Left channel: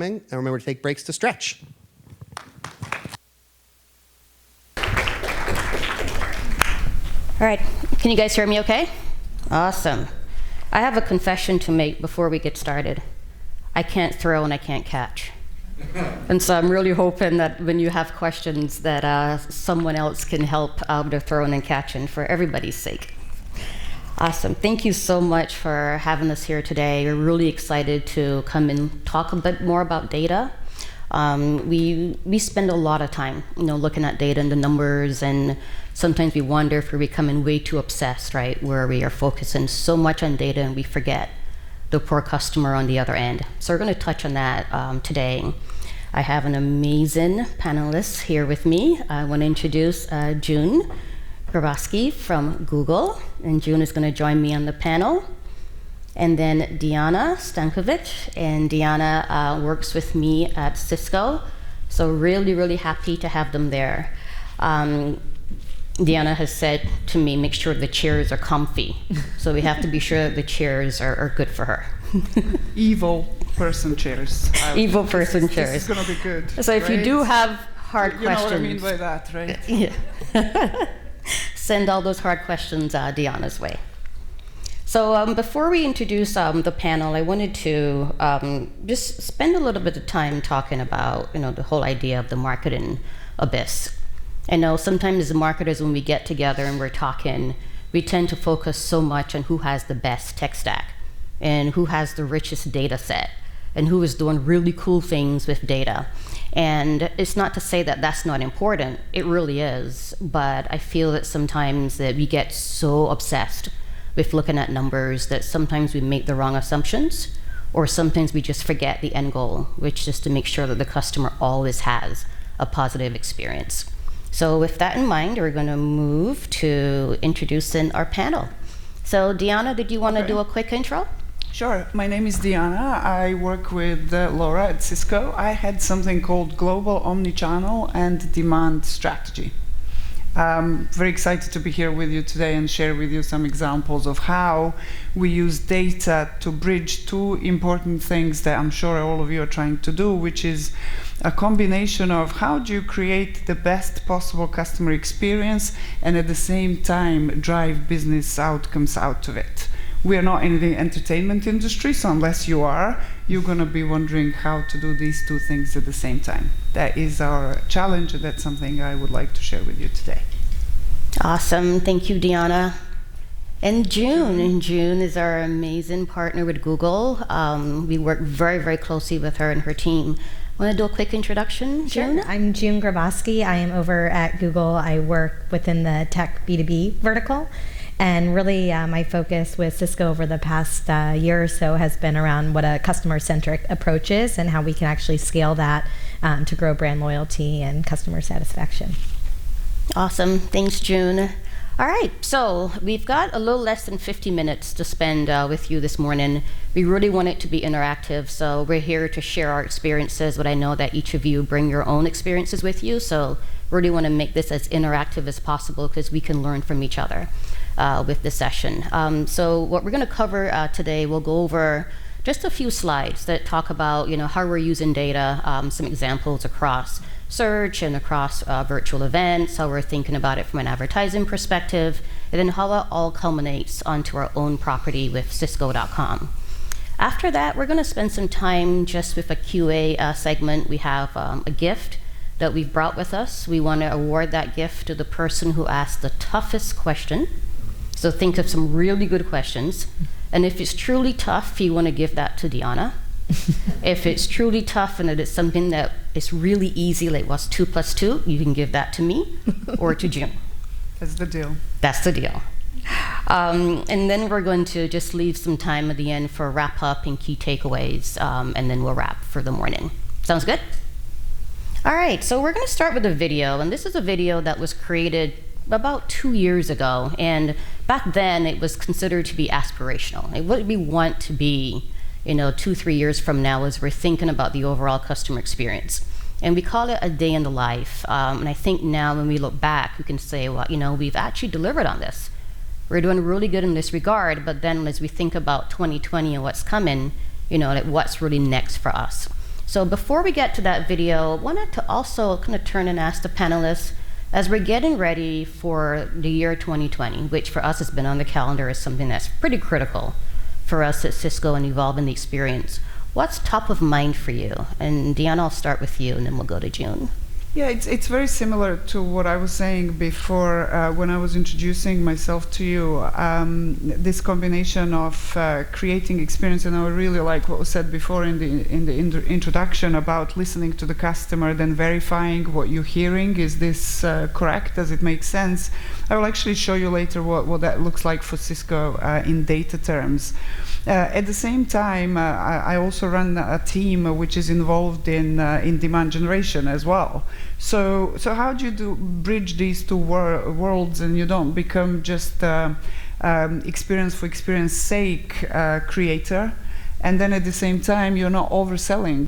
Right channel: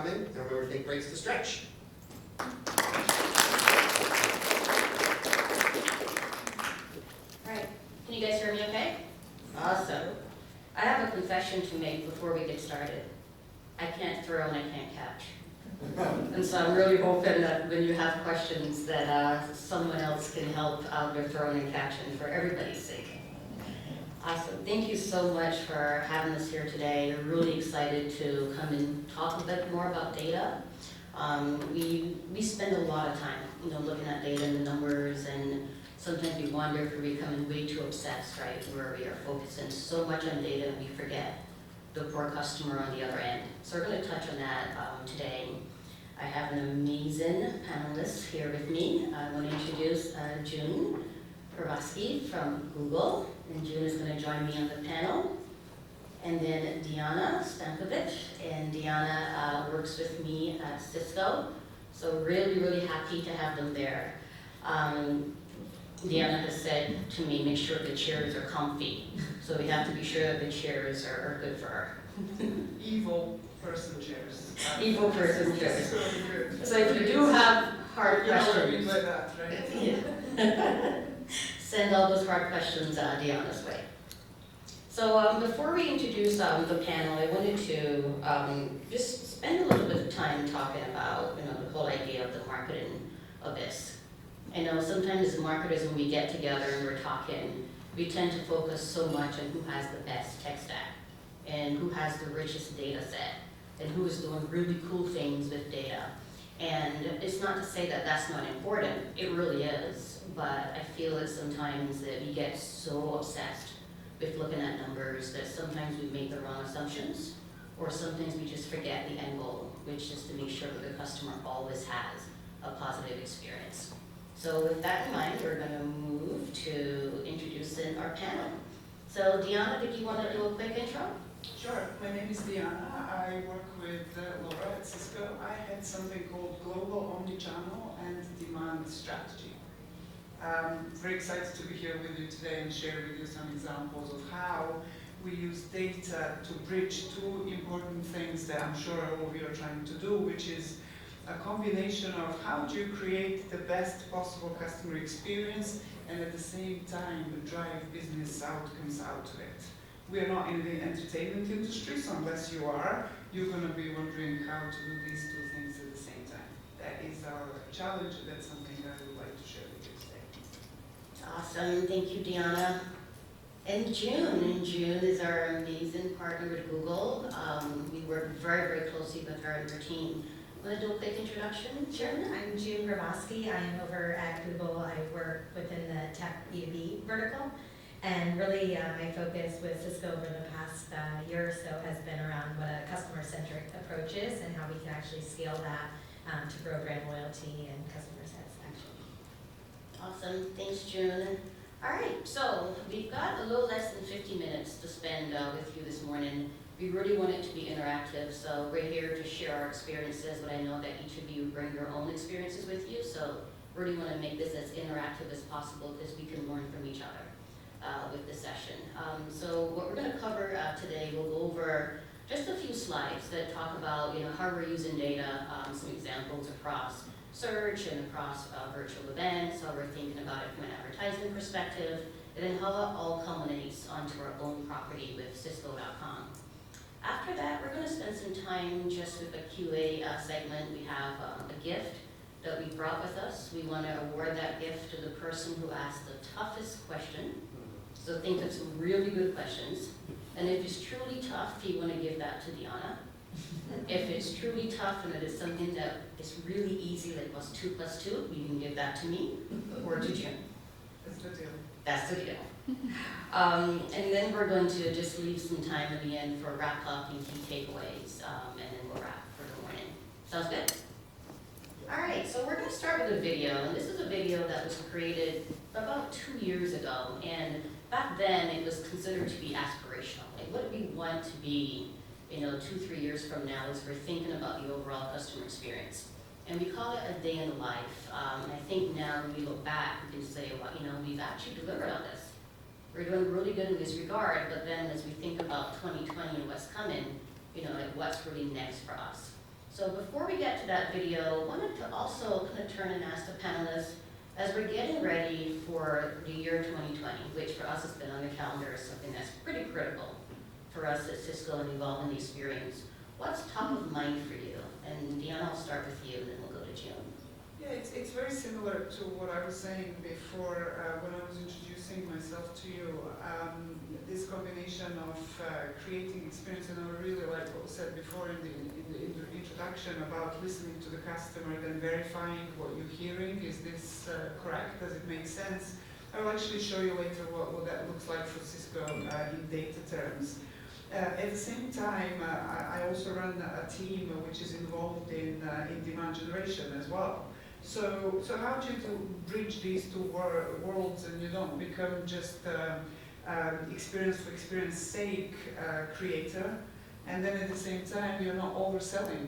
And remember to take breaks to stretch. All right, can you guys hear me okay? Awesome. I have a confession to make before we get started. I can't throw and I can't catch. And so I'm really hoping that when you have questions that someone else can help with throwing and catching for everybody's sake. Awesome. Thank you so much for having us here today. We're really excited to come and talk a bit more about data. We spend a lot of time, looking at data and the numbers, and sometimes we wonder if we're becoming way too obsessed, right? Where we are focusing so much on data and we forget the poor customer on the other end. So we're going to touch on that today. I have an amazing panelist here with me. I want to introduce June Graboski from Google, and June is going to join me on the panel. And then Diana Stankovic, and Diana works with me at Cisco, so really, really happy to have them there. Diana has said to me, make sure the chairs are comfy, so we have to be sure that the chairs are good for her. Evil person chairs. Evil person chairs. This is going to be good. So if you do have hard questions. You know what I mean by that, right? Yeah. Send all those hard questions Diana's way. So before we introduce the panel, I wanted to just spend a little bit of time talking about the whole idea of the marketing abyss. I know sometimes as marketers, when we get together and we're talking, we tend to focus so much on who has the best tech stack and who has the richest data set and who is doing really cool things with data. And it's not to say that that's not important, it really is, but I feel that sometimes that we get so obsessed with looking at numbers that sometimes we make the wrong assumptions, or sometimes we just forget the end goal, which is to make sure that the customer always has a positive experience. So with that in mind, we're going to move to introducing our panel. So Diana, did you want to do a quick intro? Sure. My name is Diana. I work with Laura at Cisco. I had something called Global Omnichannel and Demand Strategy. Very excited to be here with you today and share with you some examples of how we use data to bridge two important things that I'm sure all of you are trying to do, which is a combination of how do you create the best possible customer experience and at the same time drive business outcomes out of it. We are not in the entertainment industry, so unless you are, you're going to be wondering how to do these two things at the same time. That is our challenge, and that's something I would like to share with you today. Awesome. Thank you, Diana. And June is our amazing partner with Google. We work very, very closely with her and her team. Want to do a quick introduction, June? Sure. I'm June Graboski. I am over at Google. I work within the tech B2B vertical. And really, my focus with Cisco over the past year or so has been around what a customer-centric approach is and how we can actually scale that to grow brand loyalty and customer satisfaction. Awesome. Thanks, June. All right, so we've got a little less than 50 minutes to spend with you this morning. We really want it to be interactive, so we're here to share our experiences, but I know that each of you bring your own experiences with you, so really want to make this as interactive as possible because we can learn from each other. With this session. So what we're going to cover today, we'll go over just a few slides that talk about how we're using data, some examples across search and across virtual events, how we're thinking about it from an advertising perspective, and then how it all culminates onto our own property with Cisco.com. After that, we're going to spend some time just with a QA segment. We have a gift that we've brought with us. We want to award that gift to the person who asked the toughest question. So think of some really good questions. And if it's truly tough, you want to give that to Diana. If it's truly tough and it is something that is really easy, like what's 2 + 2, you can give that to me or to Jim. That's the deal. That's the deal. And then we're going to just leave some time at the end for wrap up and key takeaways, and then we'll wrap for the morning. Sounds good? All right, so we're going to start with a video. And this is a video that was created about 2 years ago. And back then, it was considered to be aspirational. Like, what we want to be, 2-3 years from now as we're thinking about the overall customer experience. And we call it a day in the life. And I think now when we look back, we can say, well, we've actually delivered on this. We're doing really good in this regard, but then as we think about 2020 and what's coming, like what's really next for us. So before we get to that video, I wanted to also kind of turn and ask the panelists, as we're getting ready for the year 2020, which for us has been on the calendar as something that's pretty critical for us at Cisco and evolving the experience, what's top of mind for you? And Deanna, I'll start with you, and then we'll go to June. Yeah, it's very similar to what I was saying before when I was introducing myself to you. This combination of creating experience, and I really like what was said before in the introduction about listening to the customer, then verifying what you're hearing. Is this correct? Does it make sense? I will actually show you later what that looks like for Cisco in data terms. At the same time, I also run a team which is involved in demand generation as well. So how do you bridge these two worlds, and you don't become just experience for experience sake creator, and then at the same time you're not overselling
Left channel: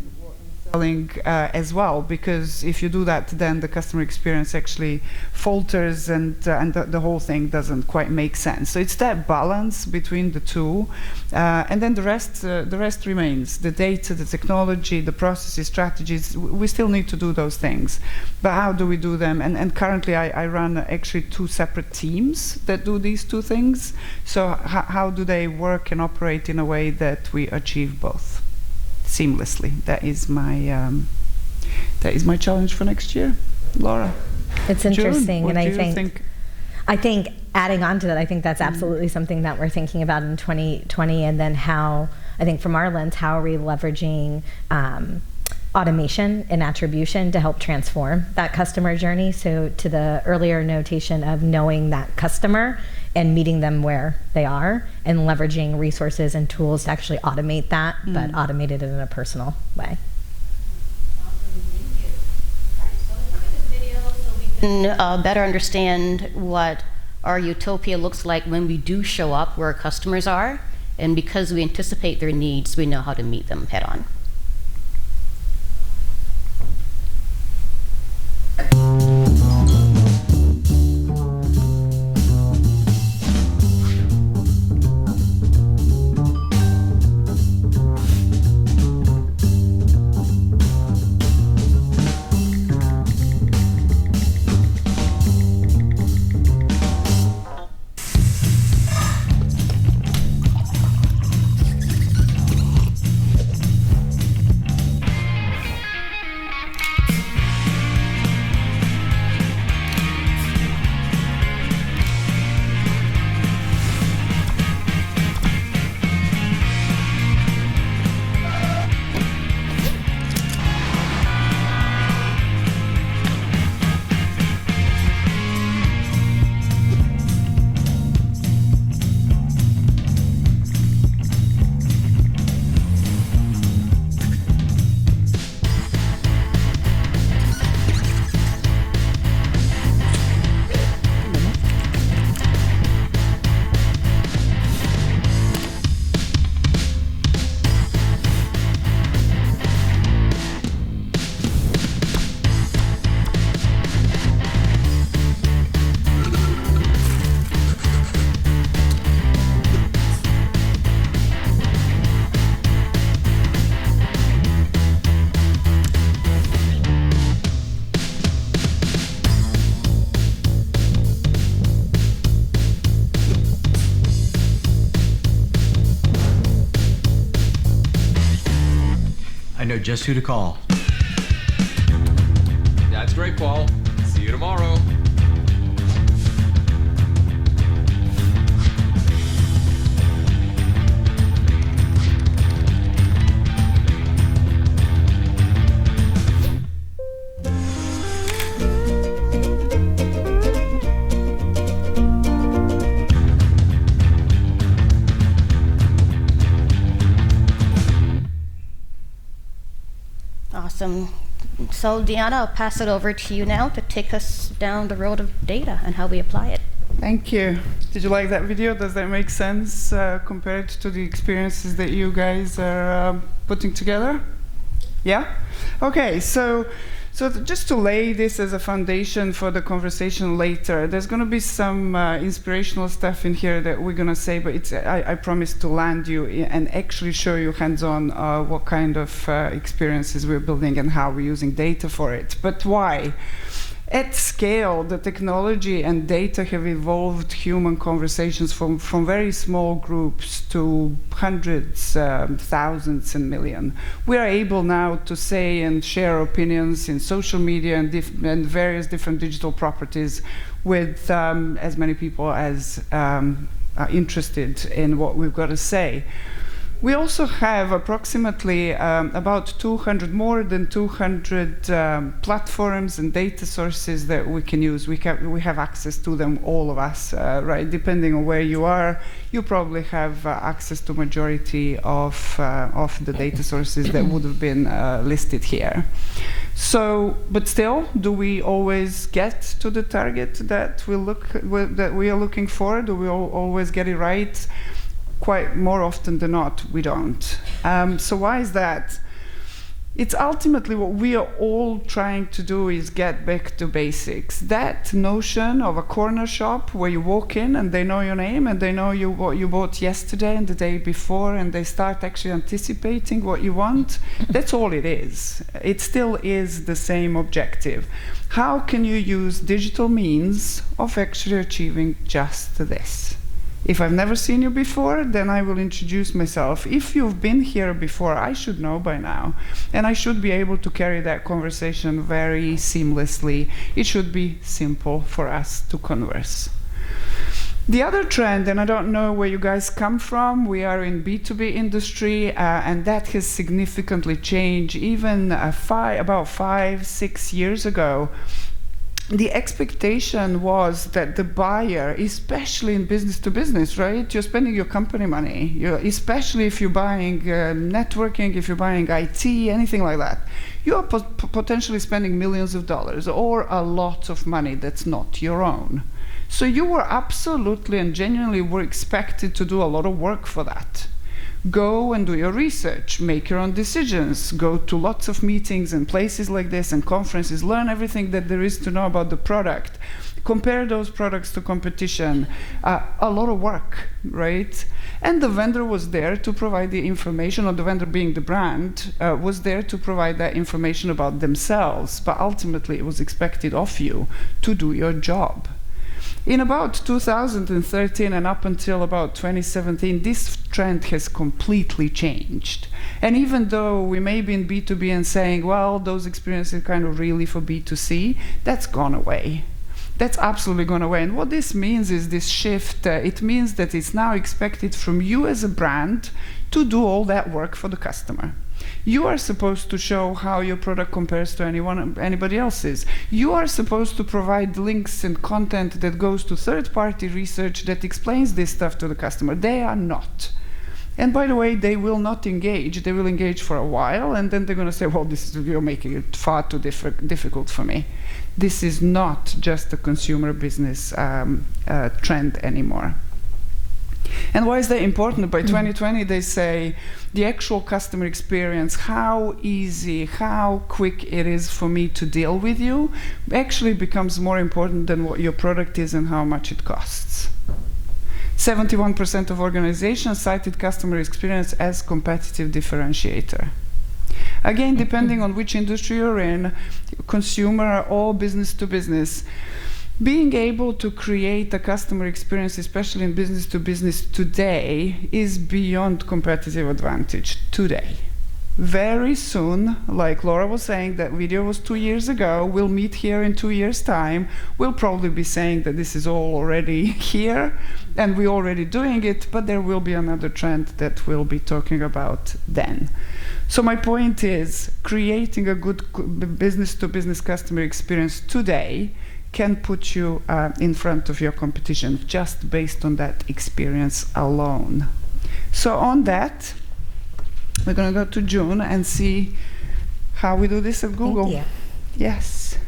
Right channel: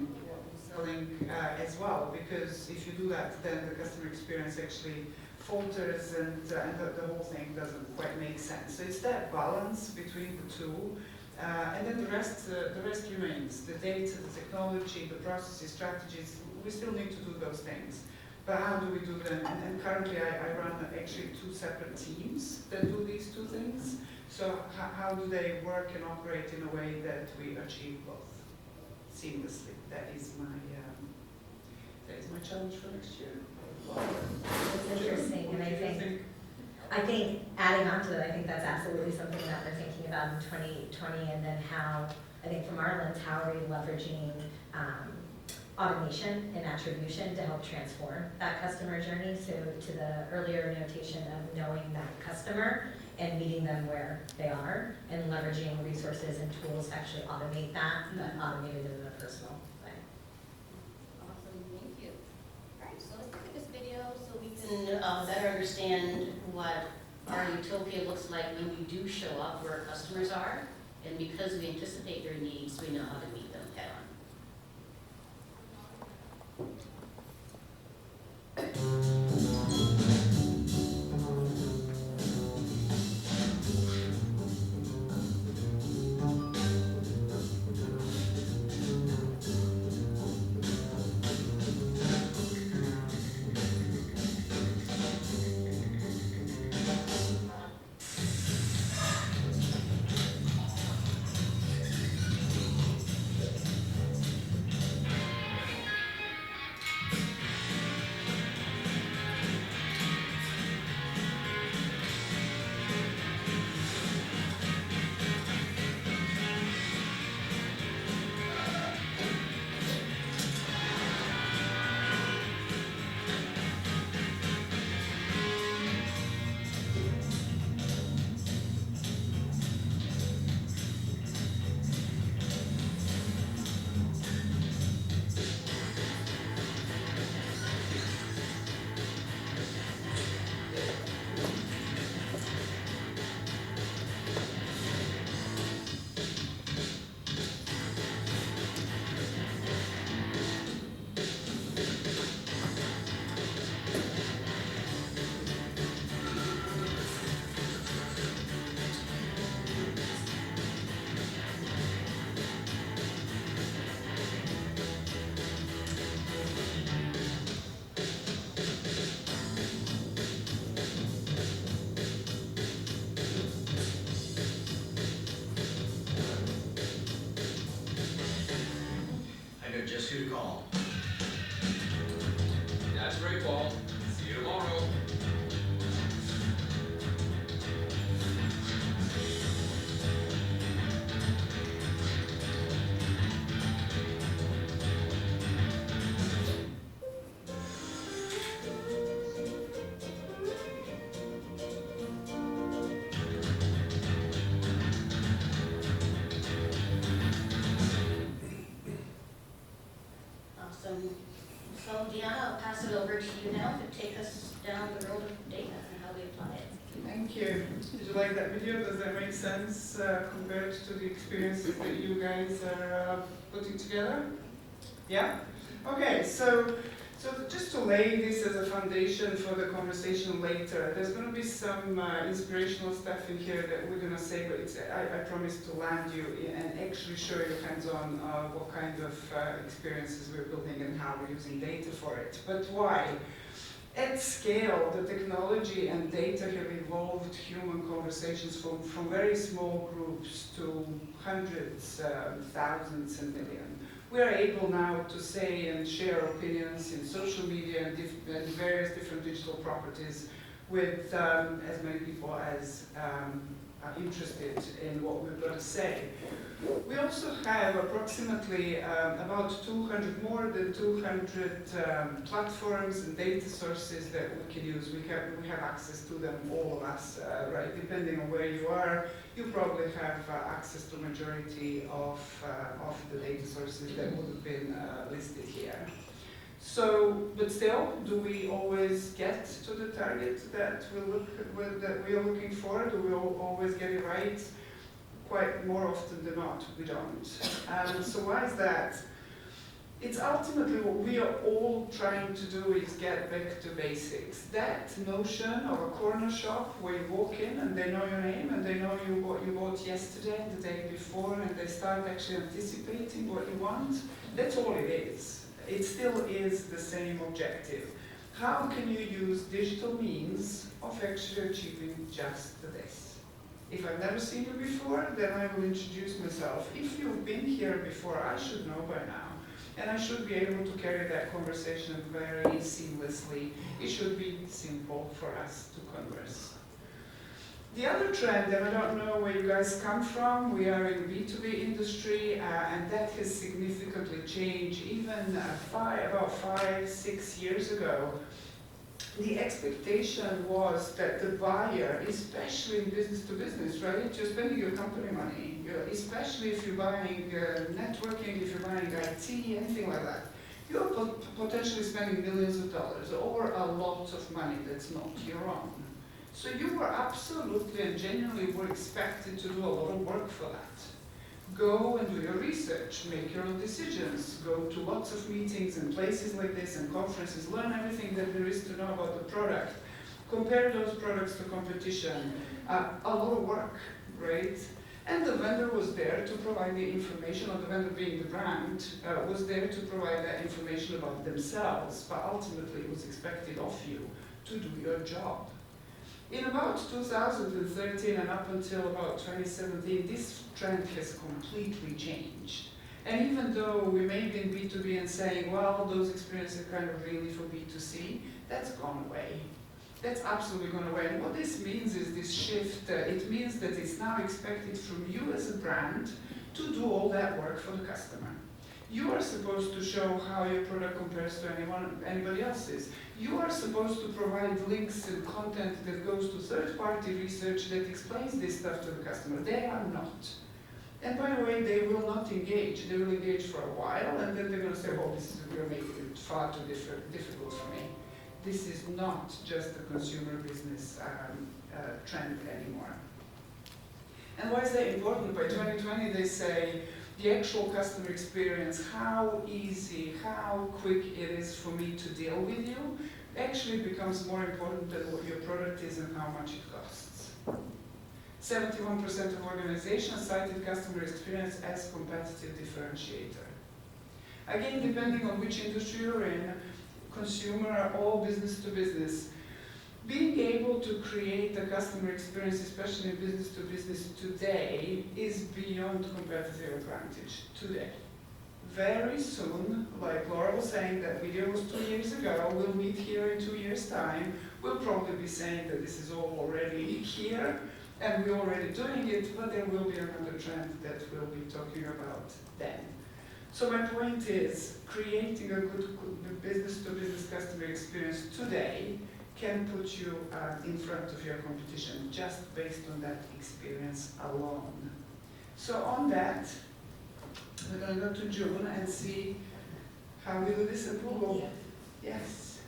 as well, because if you do that, then the customer experience actually falters, and the whole thing doesn't quite make sense. So it's that balance between the two, and then the rest remains: the data, the technology, the processes, strategies. We still need to do those things, but how do we do them? And currently I run actually 2 separate teams that do these 2 things. So how do they work and operate in a way that we achieve both seamlessly? That is my challenge for next year. Laura? It's interesting, June, and I I think adding on to that, I think that's absolutely something that we're thinking about in 2020, and then how, I think from our lens, how are we leveraging automation and attribution to help transform that customer journey? So to the earlier notation of knowing that customer and meeting them where they are, and leveraging resources and tools to actually automate that, but automate it in a personal way. Better understand what our utopia looks like when we do show up where our customers are, and because we anticipate their needs, we know how to meet them head on. I know just who to call. That's great, Paul. See you tomorrow. Awesome. So Deanna, I'll pass it over to you now to take us down the road of data and how we apply it. Thank you. Did you like that video? Does that make sense compared to the experiences that you guys are putting together? Yeah? Okay, so So just to lay this as a foundation for the conversation later, there's going to be some inspirational stuff in here that we're going to say, but I promise to land you and actually show you hands-on what kind of experiences we're building and how we're using data for it. But why? At scale, the technology and data have evolved human conversations from very small groups to hundreds, thousands, and millions. We are able now to say and share opinions in social media and various different digital properties with as many people as are interested in what we've got to say. We also have approximately about 200, more than 200 platforms and data sources that we can use. We have access to them, all of us, right? Depending on where you are, you probably have access to majority of the data sources that would have been listed here. So, but still, do we always get to the target that we are looking for? Do we always get it right? Quite more often than not, we don't. So why is that? It's ultimately what we are all trying to do is get back to basics. That notion of a corner shop where you walk in and they know your name and they know what you bought yesterday and the day before, and they start actually anticipating what you want, that's all it is. It still is the same objective. How can you use digital means of actually achieving just this? If I've never seen you before, then I will introduce myself. If you've been here before, I should know by now. And I should be able to carry that conversation very seamlessly. It should be simple for us to converse. The other trend, and I don't know where you guys come from, we are in B2B industry, and that has significantly changed. Even about 5-6 years ago, the expectation was that the buyer, especially in business to business, right? You're spending your company money, especially if you're buying networking, if you're buying IT, anything like that. You are potentially spending millions of dollars or a lot of money that's not your own. So you were absolutely and genuinely were expected to do a lot of work for that. Go and do your research, make your own decisions, go to lots of meetings and places like this and conferences, learn everything that there is to know about the product, compare those products to competition, a lot of work, right? And the vendor was there to provide the information, or the vendor being the brand, was there to provide that information about themselves, but ultimately it was expected of you to do your job. In about 2013 and up until about 2017, this trend has completely changed. And even though we may be in B2B and saying, well, those experiences are kind of really for B2C, that's gone away. That's absolutely gone away. And what this means is this shift. It means that it's now expected from you as a brand to do all that work for the customer. You are supposed to show how your product compares to anybody else's. You are supposed to provide links and content that goes to third-party research that explains this stuff to the customer. They are not. And by the way, they will not engage. They will engage for a while, and then they're going to say, well, you're making it far too difficult for me. This is not just a consumer business trend anymore. And why is that important? By 2020, they say, the actual customer experience, how easy, how quick it is for me to deal with you, actually becomes more important than what your product is and how much it costs. 71% of organizations cited customer experience as competitive differentiator. Again, depending on which industry you're in, consumer or business to business, being able to create a customer experience, especially in business to business today, is beyond competitive advantage today. Very soon, like Laura was saying, that video was 2 years ago, we'll meet here in 2 years' time, we'll probably be saying that this is all already here, and we're already doing it, but there will be another trend that we'll be talking about then. So my point is, creating a good business to business customer experience today can put you in front of your competition just based on that experience alone. So on that, we're going to go to June and see how we do this at Google. Thank you. Yes.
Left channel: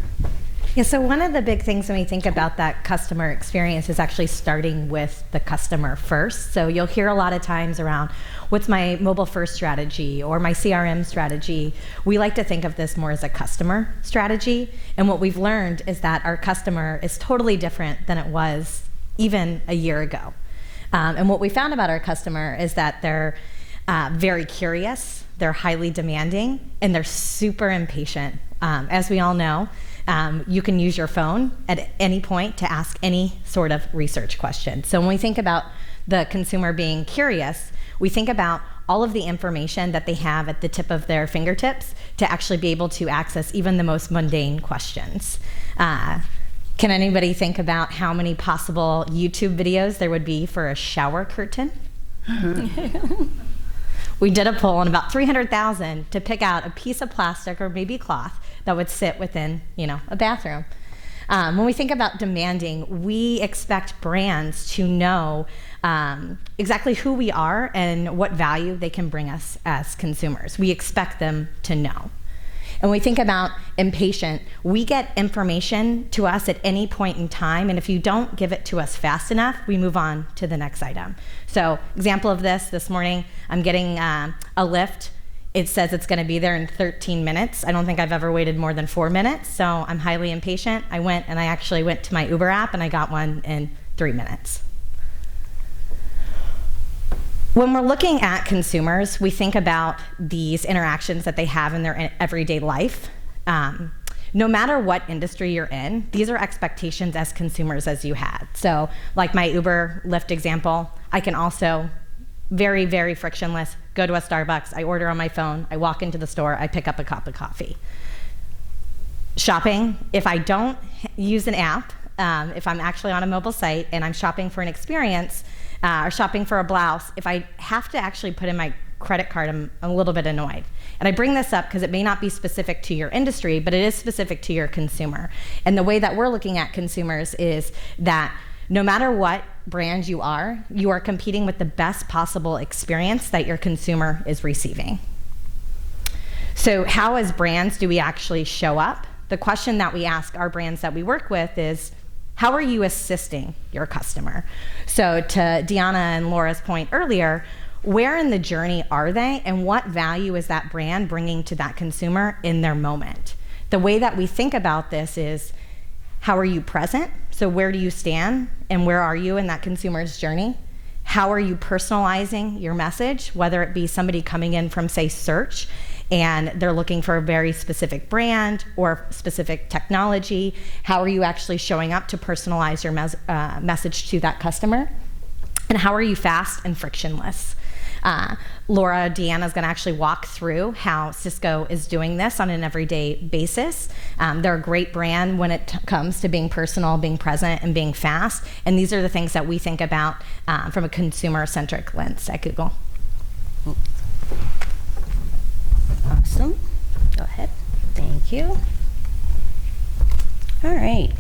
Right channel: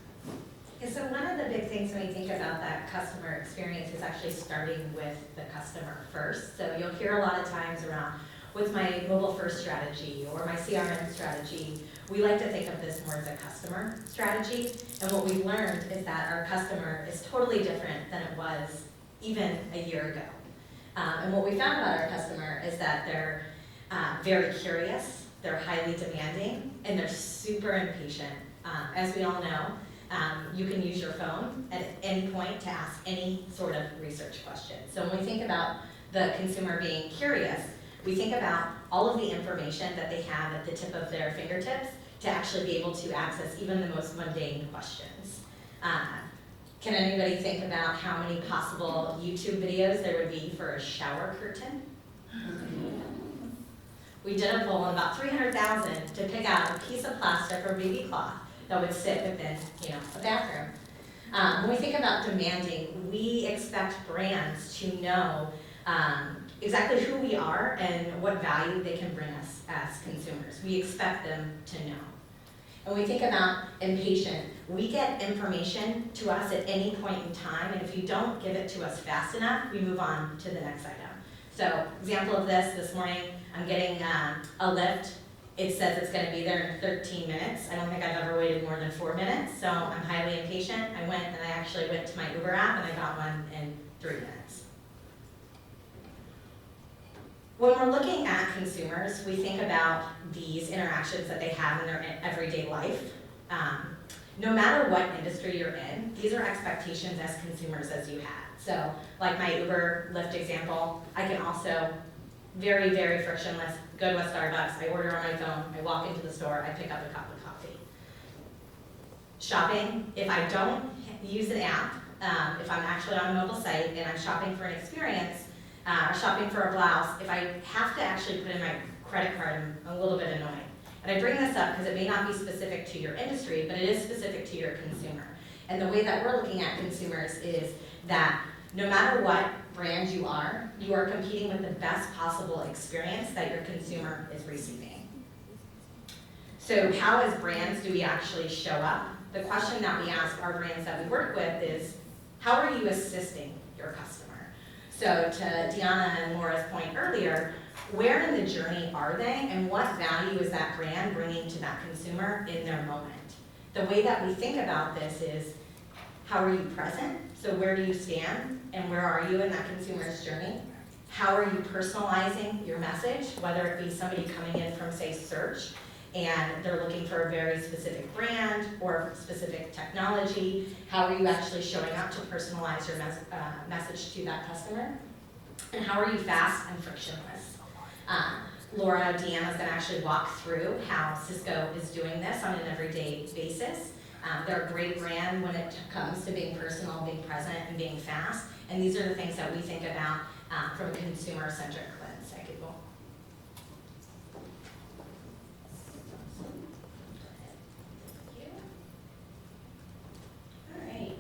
Yeah, so one of the big things when we think about that customer experience is actually starting with the customer first. So you'll hear a lot of times around, what's my mobile first strategy or my CRM strategy, we like to think of this more as a customer strategy. And what we've learned is that our customer is totally different than it was even a year ago. And what we found about our customer is that they're very curious, they're highly demanding, and they're super impatient. As we all know, you can use your phone at any point to ask any sort of research question. So when we think about the consumer being curious, we think about all of the information that they have at the tip of their fingertips to actually be able to access even the most mundane questions. Can anybody think about how many possible YouTube videos there would be for a shower curtain? We did a poll on about 300,000 to pick out a piece of plastic or baby cloth that would sit within, a bathroom. When we think about demanding, we expect brands to know exactly who we are and what value they can bring us as consumers. We expect them to know. And when we think about impatient, we get information to us at any point in time, and if you don't give it to us fast enough, we move on to the next item. So, example of this morning, I'm getting a lift. It says it's gonna be there in 13 minutes. I don't think I've ever waited more than 4 minutes, so I'm highly impatient. I actually went to my Uber app and I got one in 3 minutes. When we're looking at consumers, we think about these interactions that they have in their everyday life. No matter what industry you're in, these are expectations as consumers as you had. So like my Uber Lyft example, I can also very, very frictionless, go to a Starbucks, I order on my phone, I walk into the store, I pick up a cup of coffee. Shopping, if I don't use an app, if I'm actually on a mobile site and I'm shopping for an experience, or shopping for a blouse, if I have to actually put in my credit card, I'm a little bit annoyed. And I bring this up because it may not be specific to your industry, but it is specific to your consumer. And the way that we're looking at consumers is that no matter what brand you are competing with the best possible experience that your consumer is receiving. So how as brands do we actually show up? The question that we ask our brands that we work with is, how are you assisting your customer? So to Deanna and Laura's point earlier, where in the journey are they and what value is that brand bringing to that consumer in their moment? The way that we think about this is, how are you present? So where do you stand and where are you in that consumer's journey? How are you personalizing your message, whether it be somebody coming in from, say, search, and they're looking for a very specific brand or specific technology? How are you actually showing up to personalize your message to that customer? And how are you fast and frictionless? Laura, Deanna's gonna actually walk through how Cisco is doing this on an everyday basis. They're a great brand when it comes to being personal, being present, and being fast. And these are the things that we think about from a consumer-centric lens at Google. Awesome. Go ahead. Thank you. All right.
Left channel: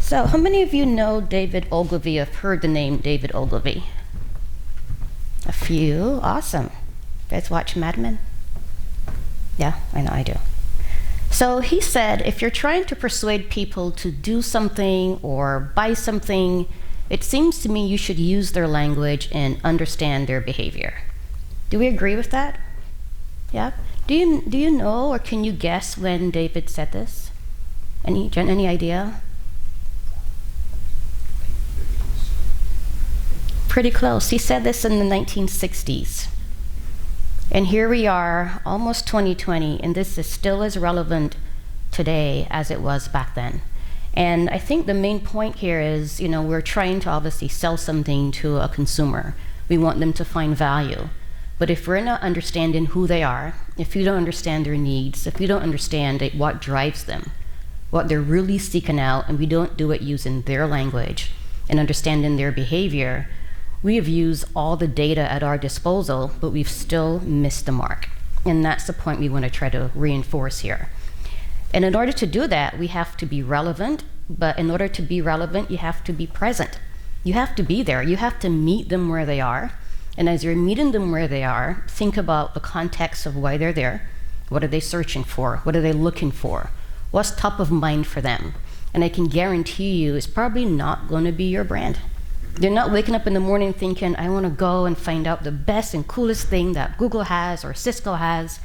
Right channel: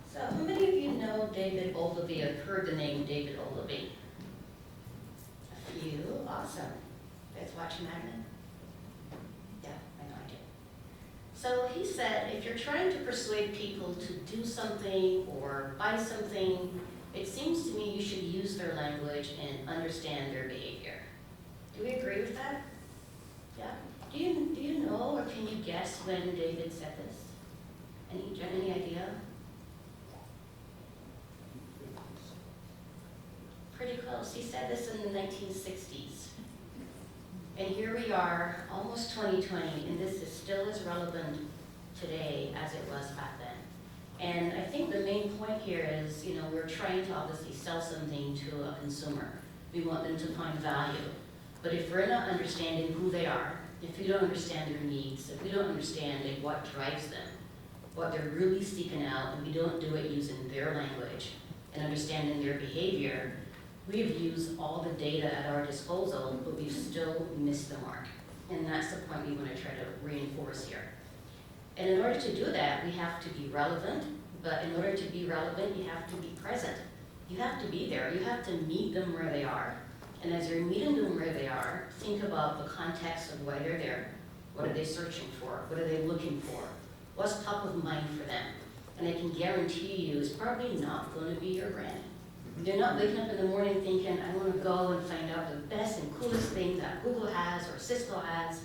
So how many of you know David Ogilvy, have heard the name David Ogilvy? A few. Awesome. You guys watch Mad Men? Yeah, I know I do. So he said, if you're trying to persuade people to do something or buy something, it seems to me you should use their language and understand their behavior. Do we agree with that? Yeah? Do you know or can you guess when David said this? Any idea? Pretty close. He said this in the 1960s. And here we are, almost 2020, and this is still as relevant today as it was back then. And I think the main point here is, we're trying to obviously sell something to a consumer. We want them to find value. But if we're not understanding who they are, if you don't understand their needs, if you don't understand what drives them, what they're really seeking out, and we don't do it using their language and understanding their behavior, we have used all the data at our disposal, but we've still missed the mark. And that's the point we want to try to reinforce here. And in order to do that, we have to be relevant, but in order to be relevant, you have to be present. You have to be there. You have to meet them where they are. And as you're meeting them where they are, think about the context of why they're there. What are they searching for? What are they looking for? What's top of mind for them? And I can guarantee you it's probably not going to be your brand. They're not waking up in the morning thinking, I want to go and find out the best and coolest thing that Google has or Cisco has.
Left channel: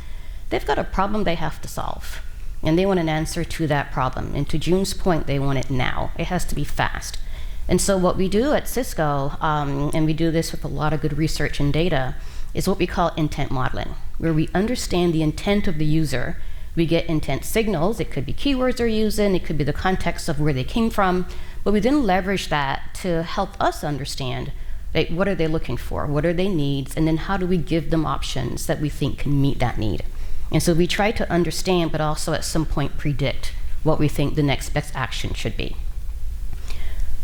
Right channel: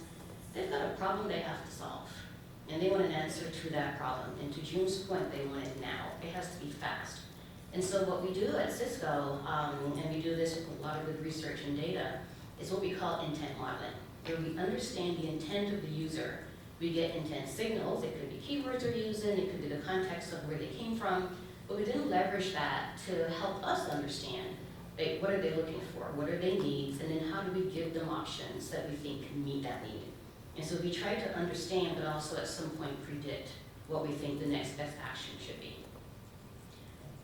They've got a problem they have to solve, and they want an answer to that problem. And to June's point, they want it now. It has to be fast. And so what we do at Cisco, and we do this with a lot of good research and data, is what we call intent modeling, where we understand the intent of the user. We get intent signals. It could be keywords they're using. It could be the context of where they came from. But we then leverage that to help us understand, like, what are they looking for? What are their needs? And then how do we give them options that we think can meet that need? And so we try to understand, but also at some point predict what we think the next best action should be.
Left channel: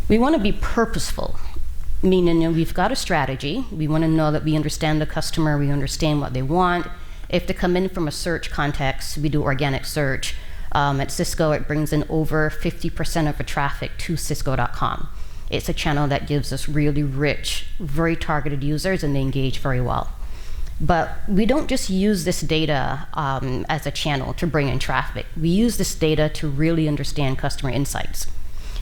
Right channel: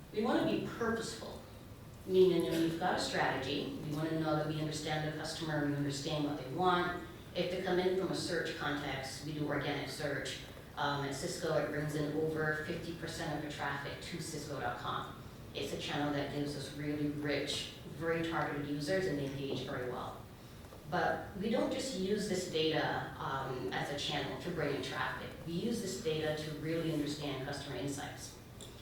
We want to be purposeful, meaning, we've got a strategy. We want to know that we understand the customer, we understand what they want. If they come in from a search context, we do organic search. At Cisco, it brings in over 50% of the traffic to Cisco.com. It's a channel that gives us really rich, very targeted users, and they engage very well. But we don't just use this data as a channel to bring in traffic. We use this data to really understand customer insights.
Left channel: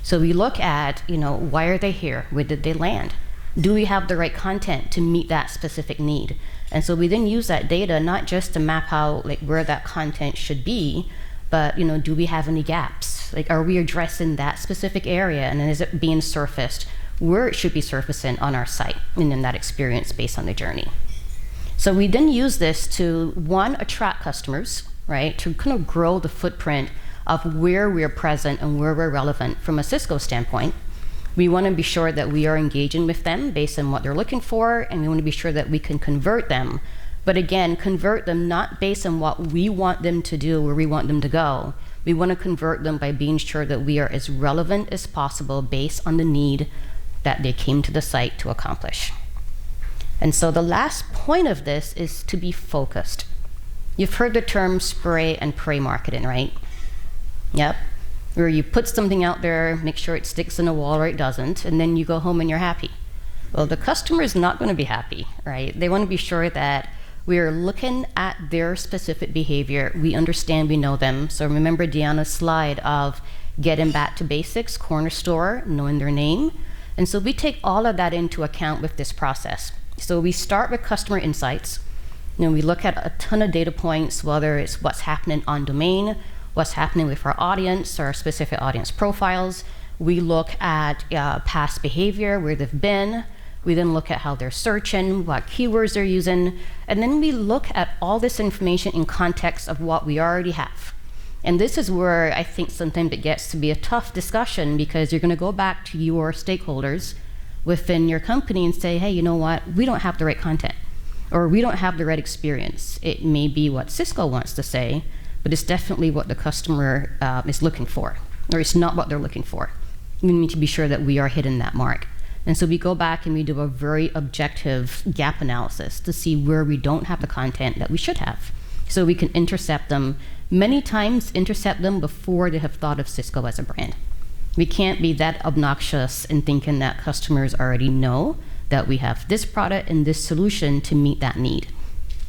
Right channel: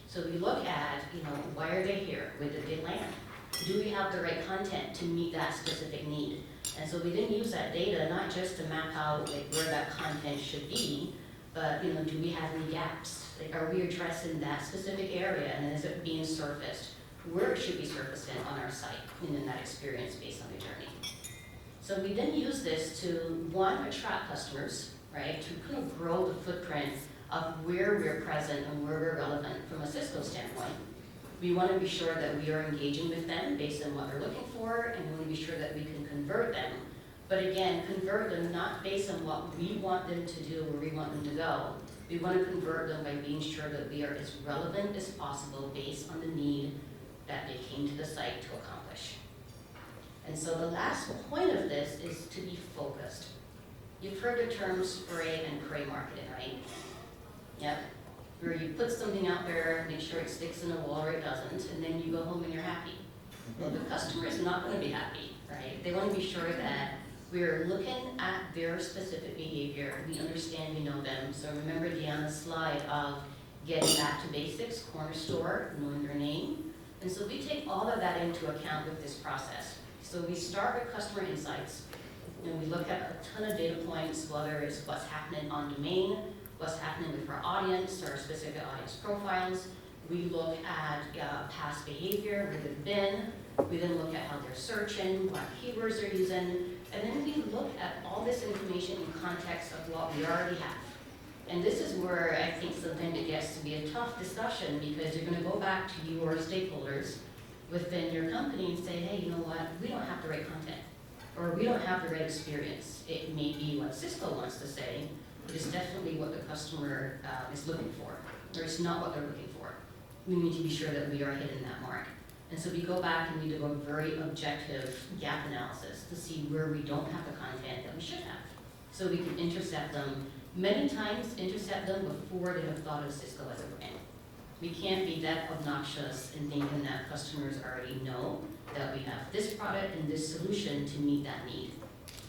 So we look at, why are they here? Where did they land? Do we have the right content to meet that specific need? And so we then use that data not just to map out where that content should be, but do we have any gaps? Are we addressing that specific area, and then is it being surfaced where it should be surfacing on our site, and then that experience based on the journey? So we then use this to, one, attract customers, right? To kind of grow the footprint of where we're present and where we're relevant from a Cisco standpoint. We want to be sure that we are engaging with them based on what they're looking for, and we want to be sure that we can convert them. But again, convert them not based on what we want them to do, where we want them to go. We want to convert them by being sure that we are as relevant as possible based on the need that they came to the site to accomplish. And so the last point of this is to be focused. You've heard the term spray and pray marketing, right? Yep. Where you put something out there, make sure it sticks in a wall or it doesn't, and then you go home and you're happy. Well, the customer is not going to be happy, right? They want to be sure that we are looking at their specific behavior. We understand, we know them. So remember Deanna's slide of getting back to basics, corner store, knowing their name. And so we take all of that into account with this process. So we start with customer insights. We look at a ton of data points, whether it's what's happening on domain, what's happening with our audience, our specific audience profiles. We look at past behavior, where they've been. We then look at how they're searching, what keywords they're using, and then we look at all this information in context of what we already have. And this is where I think sometimes it gets to be a tough discussion, because you're going to go back to your stakeholders within your company and say, hey, you know what, we don't have the right content, or we don't have the right experience. It may be what Cisco wants to say, but it's definitely what the customer is looking for, or it's not what they're looking for. We need to be sure that we are hitting that mark. And so we go back and we do a very objective gap analysis to see where we don't have the content that we should have. So we can intercept them, many times intercept them before they have thought of Cisco as a brand. We can't be that obnoxious in thinking that customers already know that we have this product and this solution to meet that need.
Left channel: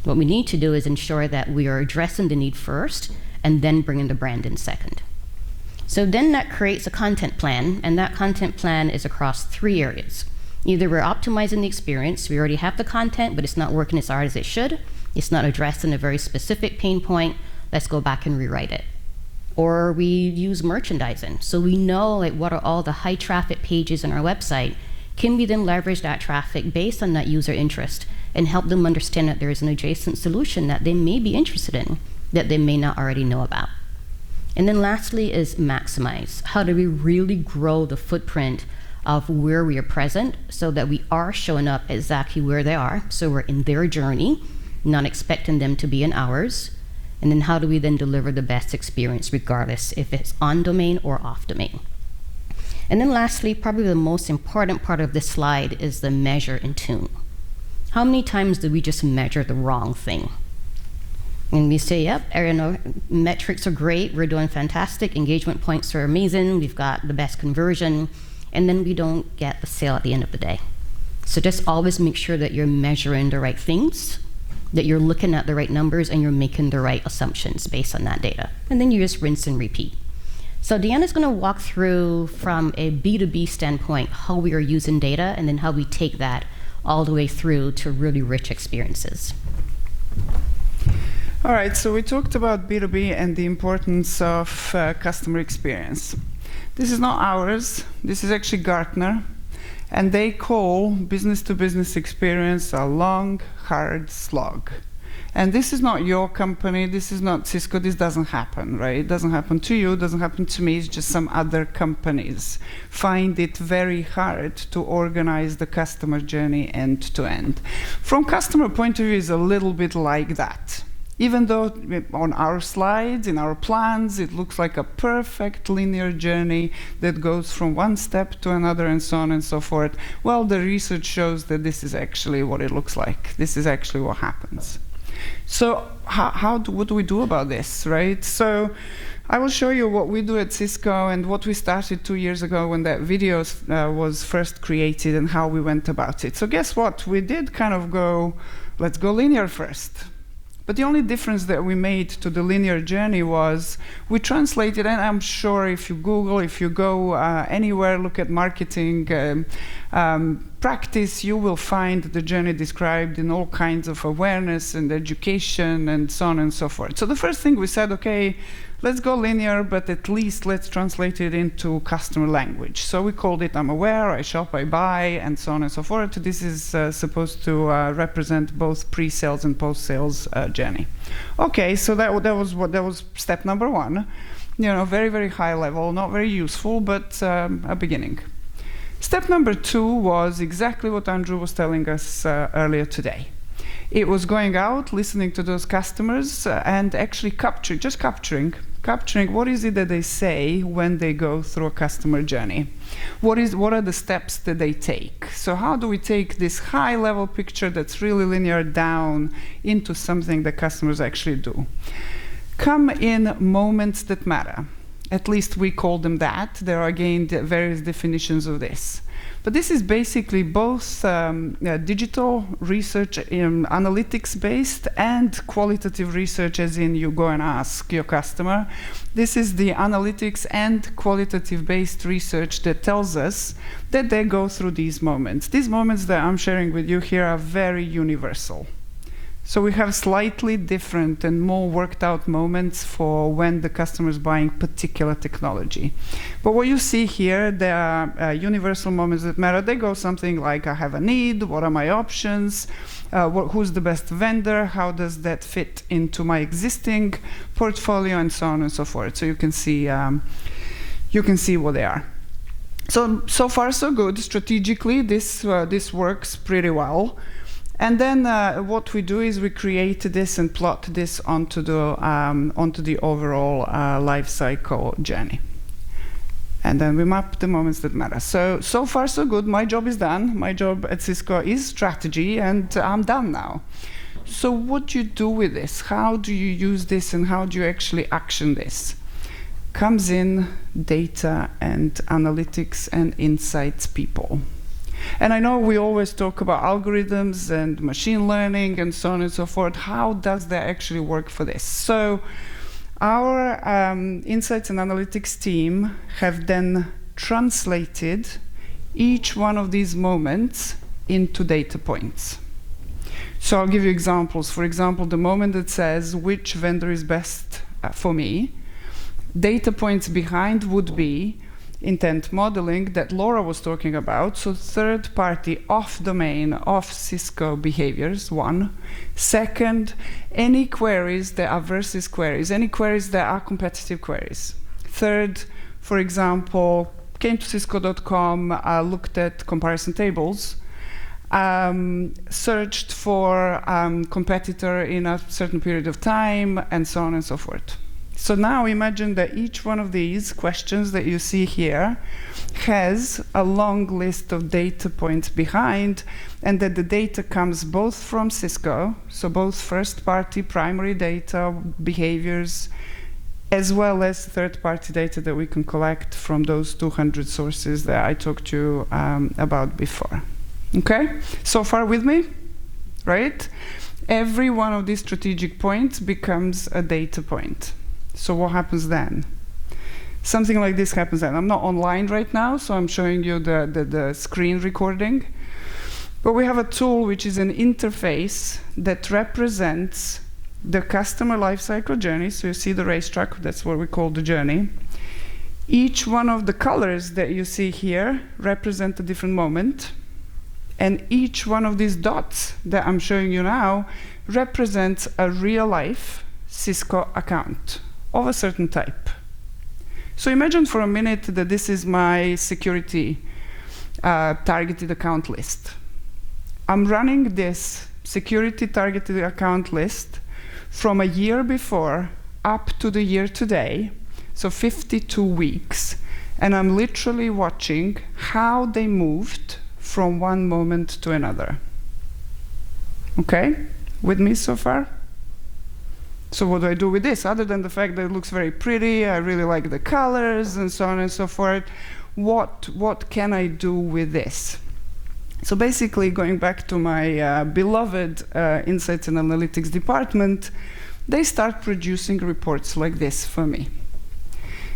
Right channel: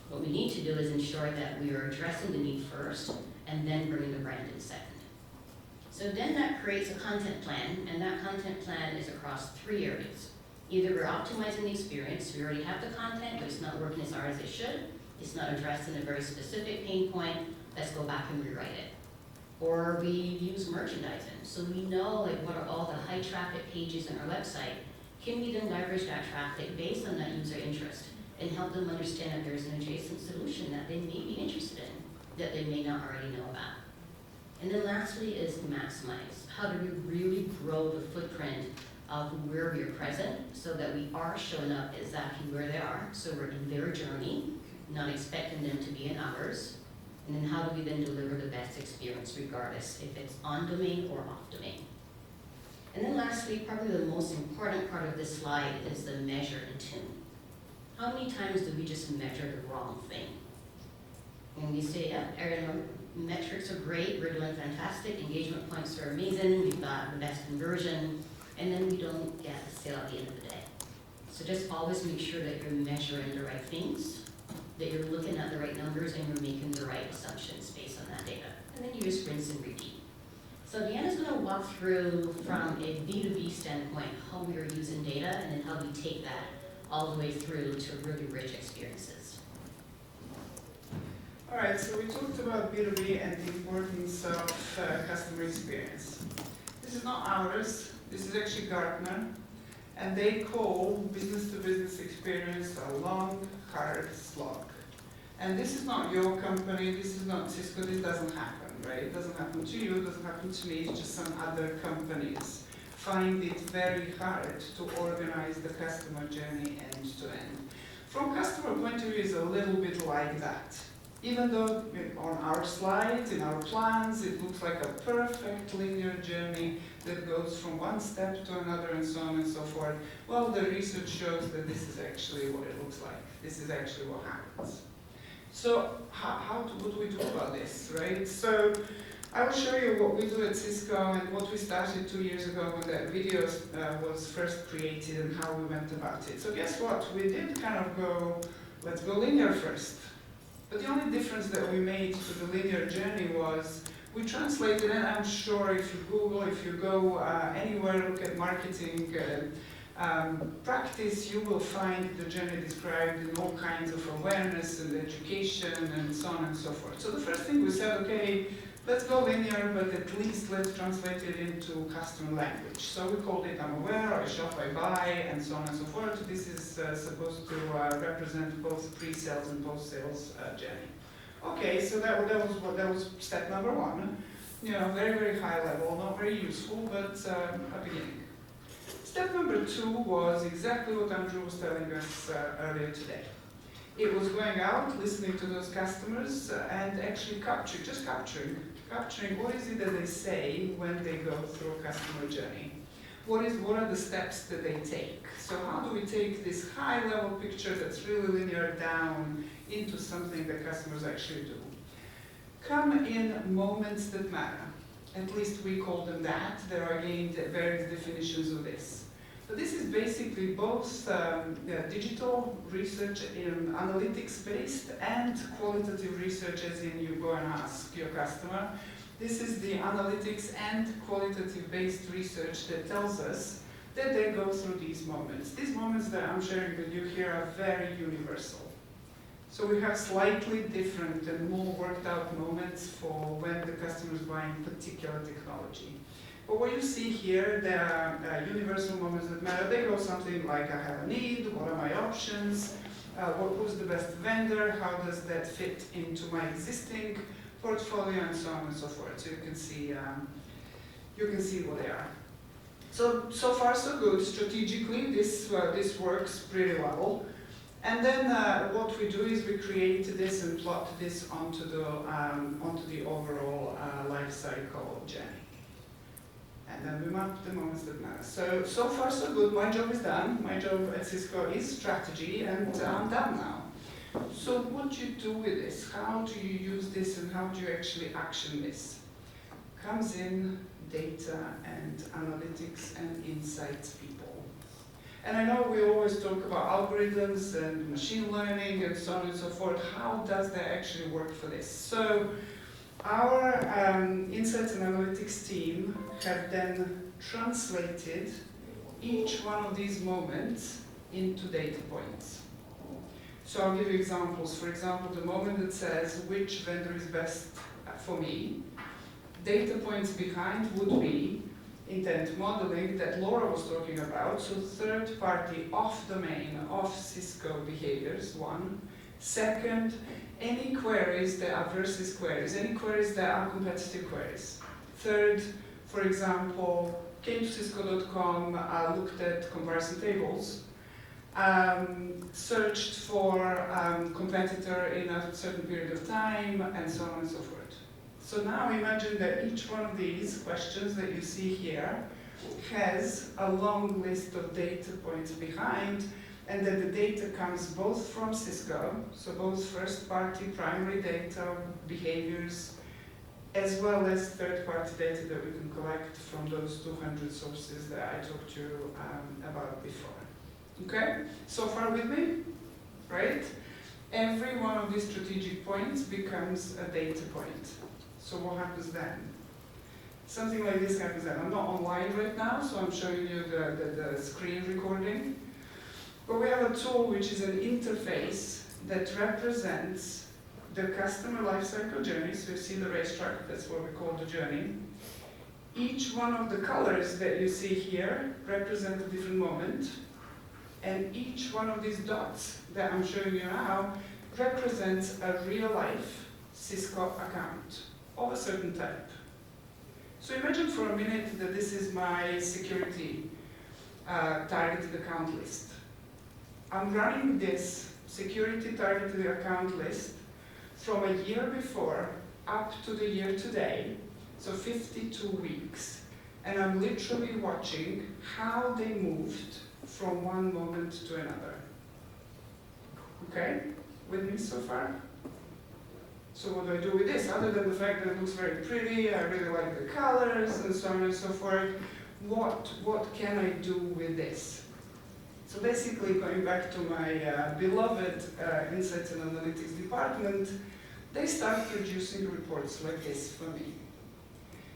What we need to do is ensure that we are addressing the need first and then bringing the brand in second. So then that creates a content plan, and that content plan is across 3 areas. Either we're optimizing the experience, we already have the content, but it's not working as hard as it should. It's not addressing a very specific pain point. Let's go back and rewrite it. Or we use merchandising. So we know what are all the high traffic pages on our website. Can we then leverage that traffic based on that user interest and help them understand that there is an adjacent solution that they may be interested in that they may not already know about? And then lastly is maximize. How do we really grow the footprint of where we are present so that we are showing up exactly where they are, so we're in their journey, not expecting them to be in ours? And then how do we then deliver the best experience regardless if it's on domain or off domain? And then lastly, probably the most important part of this slide is the measure and tune. How many times do we just measure the wrong thing? And we say, yep, metrics are great, we're doing fantastic, engagement points are amazing, we've got the best conversion, and then we don't get the sale at the end of the day. So just always make sure that you're measuring the right things, that you're looking at the right numbers, and you're making the right assumptions based on that data. And then you just rinse and repeat. So Deanna's going to walk through from a B2B standpoint how we are using data and then how we take that all the way through to really rich experiences. All right, so we talked about B2B and the importance of customer experience. This is not ours. This is actually Gartner. And they call business-to-business experience a long, hard slog. And this is not your company. This is not Cisco. This doesn't happen, right? It doesn't happen to you. It doesn't happen to me. It's just some other companies find it very hard to organize the customer journey end to end. From customer point of view, it's a little bit like that. Even though on our slides, in our plans, it looks like a perfect linear journey that goes from one step to another and so on and so forth, well, the research shows that this is actually what it looks like. This is actually what happens. So what do we do about this, right? So I will show you what we do at Cisco and what we started 2 years ago when that video was first created and how we went about it. So guess what? We did kind of go, let's go linear first. But the only difference that we made to the linear journey was we translated, and I'm sure if you Google, if you go anywhere, look at marketing practice, you will find the journey described in all kinds of awareness and education and so on and so forth. So the first thing we said, okay, let's go linear, but at least let's translate it into customer language. So we called it I'm aware, I shop, I buy, and so on and so forth. This is supposed to represent both pre-sales and post-sales journey. Okay, so that was step number one. You know, very, very high level, not very useful, but a beginning. Step number two was exactly what Andrew was telling us earlier today. It was going out, listening to those customers, and actually capturing what is it that they say when they go through a customer journey. What are the steps that they take? So how do we take this high-level picture that's really linear down into something that customers actually do? Come in moments that matter. At least we call them that. There are, again, various definitions of this. But this is basically both digital research, analytics-based, and qualitative research, as in you go and ask your customer. This is the analytics and qualitative-based research that tells us that they go through these moments. These moments that I'm sharing with you here are very universal. So we have slightly different and more worked out moments for when the customer is buying particular technology. But what you see here, there are universal moments that matter. They go something like, I have a need, what are my options, who's the best vendor, how does that fit into my existing portfolio, and so on and so forth. So you can see what they are. So far so good. Strategically, this works pretty well. And then what we do is we create this and plot this onto the overall life cycle journey. And then we map the moments that matter. So far so good. My job is done. My job at Cisco is strategy, and I'm done now. So what do you do with this? How do you use this, and how do you actually action this? Comes in data and analytics and insights people. And I know we always talk about algorithms and machine learning and so on and so forth. How does that actually work for this? So our insights and analytics team have then translated each one of these moments into data points. So I'll give you examples. For example, the moment that says which vendor is best for me, data points behind would be intent modeling that Laura was talking about, so third-party off-domain, off-Cisco behaviors, one. Second, any queries that are versus queries, any queries that are competitive queries. Third, for example, came to Cisco.com, looked at comparison tables, searched for competitor in a certain period of time, and so on and so forth. So now imagine that each one of these questions that you see here has a long list of data points behind, and that the data comes both from Cisco, so both first-party primary data, behaviors, as well as third-party data that we can collect from those 200 sources that I talked to you about before. Okay? So far with me? Right? Every one of these strategic points becomes a data point. So what happens then? something like this happens. And I'm not online right now, so I'm showing you the screen recording. But we have a tool which is an interface that represents the customer lifecycle journey. So you see the racetrack, that's what we call the journey. Each one of the colors that you see here represent a different moment. And each one of these dots that I'm showing you now represents a real-life Cisco account of a certain type. So imagine for a minute that this is my security targeted account list. I'm running this security targeted account list from a year before up to the year today, so 52 weeks, and I'm literally watching how they moved from one moment to another. Okay? With me so far? So what do I do with this? Other than the fact that it looks very pretty, I really like the colors, and so on and so forth, what can I do with this? So basically, going back to my beloved Insights and Analytics department, they start producing reports like this for me.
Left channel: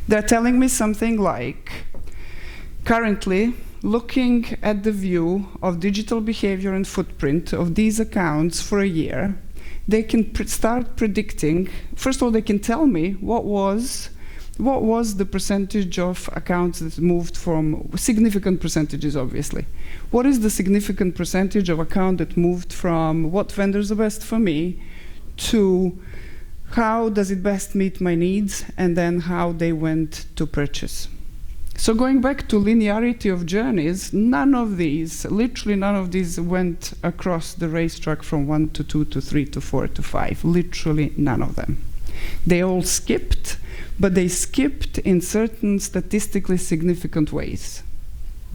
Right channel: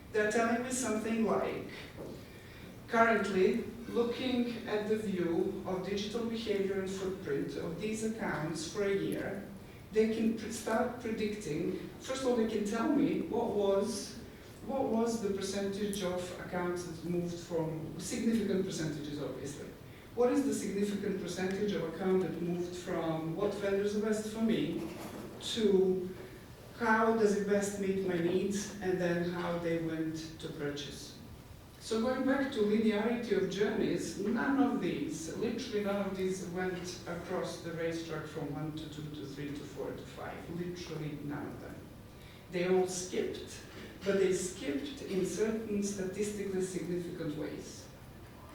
They're telling me something like, currently, looking at the view of digital behavior and footprint of these accounts for a year, they can start predicting. First of all, they can tell me what was the percentage of accounts that moved from, significant percentages, obviously. What is the significant percentage of account that moved from what vendor is the best for me to how does it best meet my needs, and then how they went to purchase. So going back to linearity of journeys, none of these, literally none of these went across the racetrack from 1 to 2 to 3 to 4 to 5, literally none of them. They all skipped, but they skipped in certain statistically significant ways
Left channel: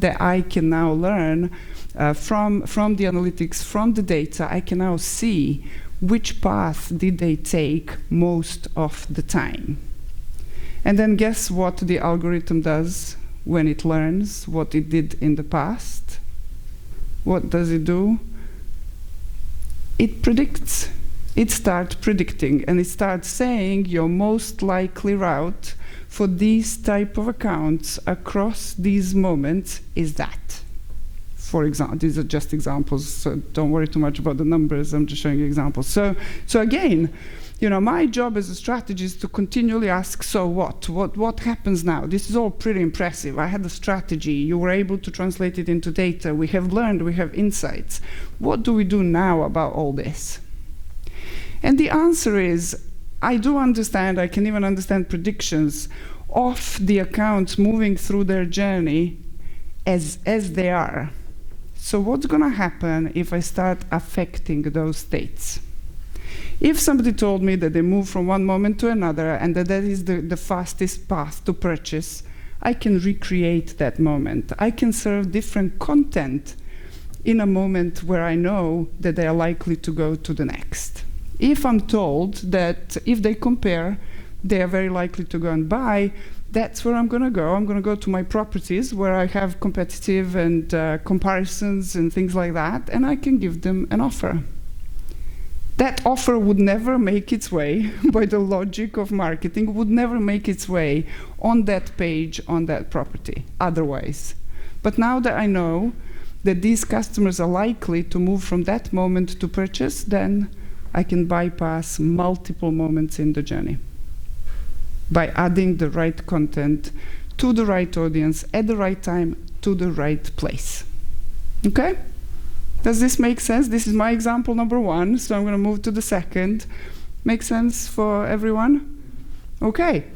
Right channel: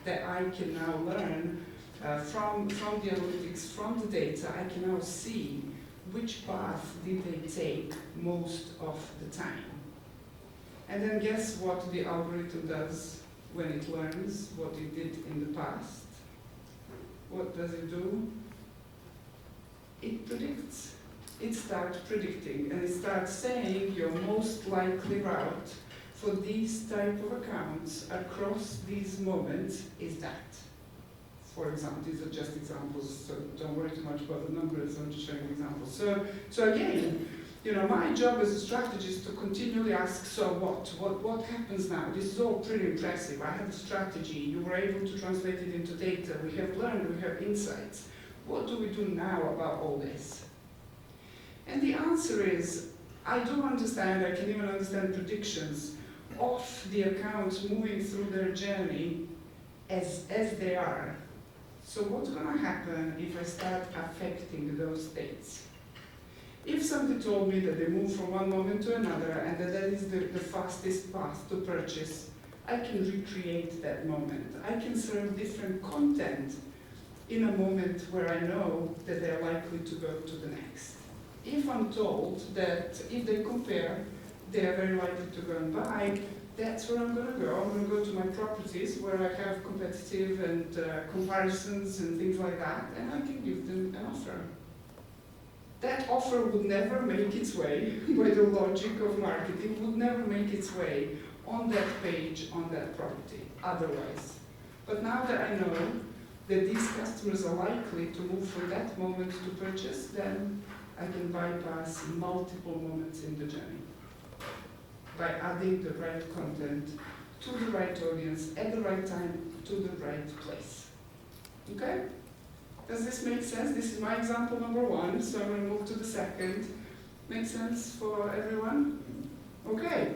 that I can now learn from the analytics, from the data. I can now see which path did they take most of the time. And then guess what the algorithm does when it learns what it did in the past? What does it do? It predicts. It starts predicting, and it starts saying your most likely route for these type of accounts across these moments is that. For example, these are just examples, so don't worry too much about the numbers, I'm just showing you examples. So again, my job as a strategist is to continually ask, so what happens now? This is all pretty impressive. I had a strategy, you were able to translate it into data, we have learned, we have insights. What do we do now about all this? And the answer is, I do understand, I can even understand predictions of the accounts moving through their journey as they are. So what's going to happen if I start affecting those states? If somebody told me that they move from one moment to another and that is the fastest path to purchase, I can recreate that moment. I can serve different content in a moment where I know that they are likely to go to the next. If I'm told that if they compare, they are very likely to go and buy, that's where I'm going to go. I'm going to go to my properties where I have competitive and comparisons and things like that, and I can give them an offer. That offer would never make its way, by the logic of marketing, would never make its way on that page, on that property, otherwise. But now that I know that these customers are likely to move from that moment to purchase, then I can bypass multiple moments in the journey by adding the right content to the right audience at the right time to the right place. Okay? Does this make sense? This is my example number 1, so I'm going to move to the second. Make sense for everyone? Okay.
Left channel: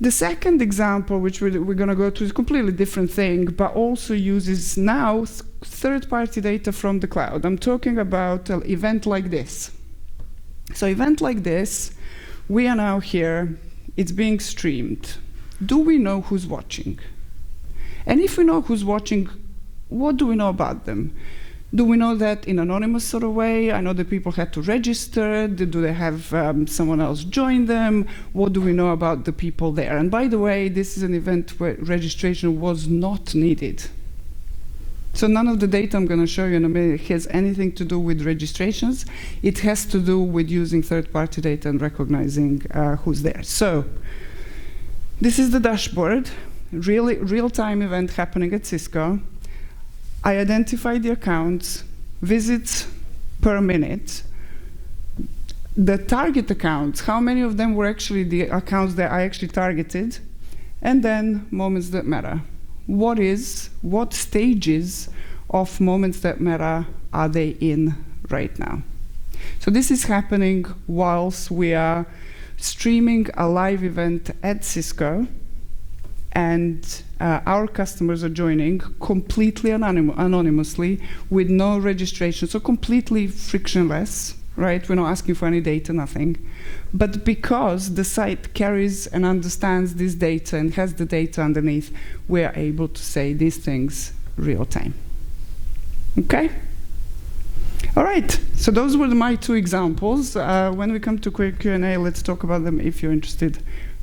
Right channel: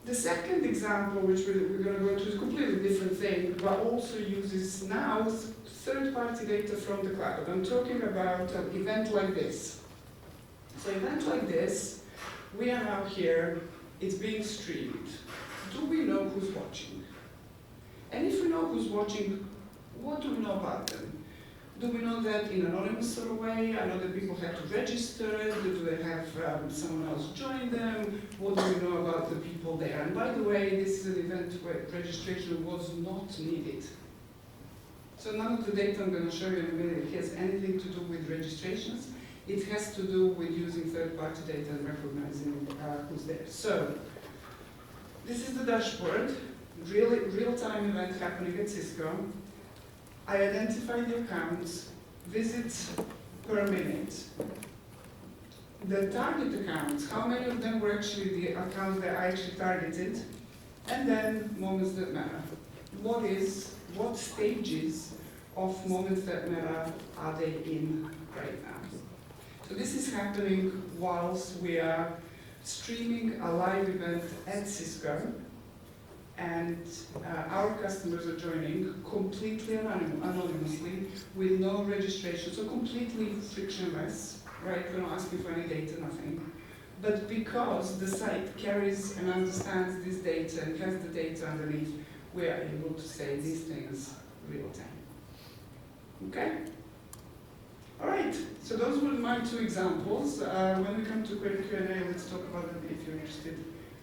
The second example, which we're going to go to, is a completely different thing, but also uses now third-party data from the cloud. I'm talking about an event like this. So event like this, we are now here, it's being streamed. Do we know who's watching? And if we know who's watching, what do we know about them? Do we know that in an anonymous sort of way? I know that people had to register. Do they have someone else join them? What do we know about the people there? And by the way, this is an event where registration was not needed. So none of the data I'm going to show you in a minute has anything to do with registrations. It has to do with using third-party data and recognizing who's there. So This is the dashboard, real-time event happening at Cisco. I identify the accounts, visits per minute, the target accounts, how many of them were actually the accounts that I actually targeted, and then moments that matter. What stages of moments that matter are they in right now? So this is happening whilst we are streaming a live event at Cisco, and our customers are joining completely anonymously with no registration, so completely frictionless, right? We're not asking for any data, nothing. But because the site carries and understands this data and has the data underneath, we're able to say these things real time. Okay? All right, so those were my two examples. When we come to quick Q&A, let's talk about them if you're interested.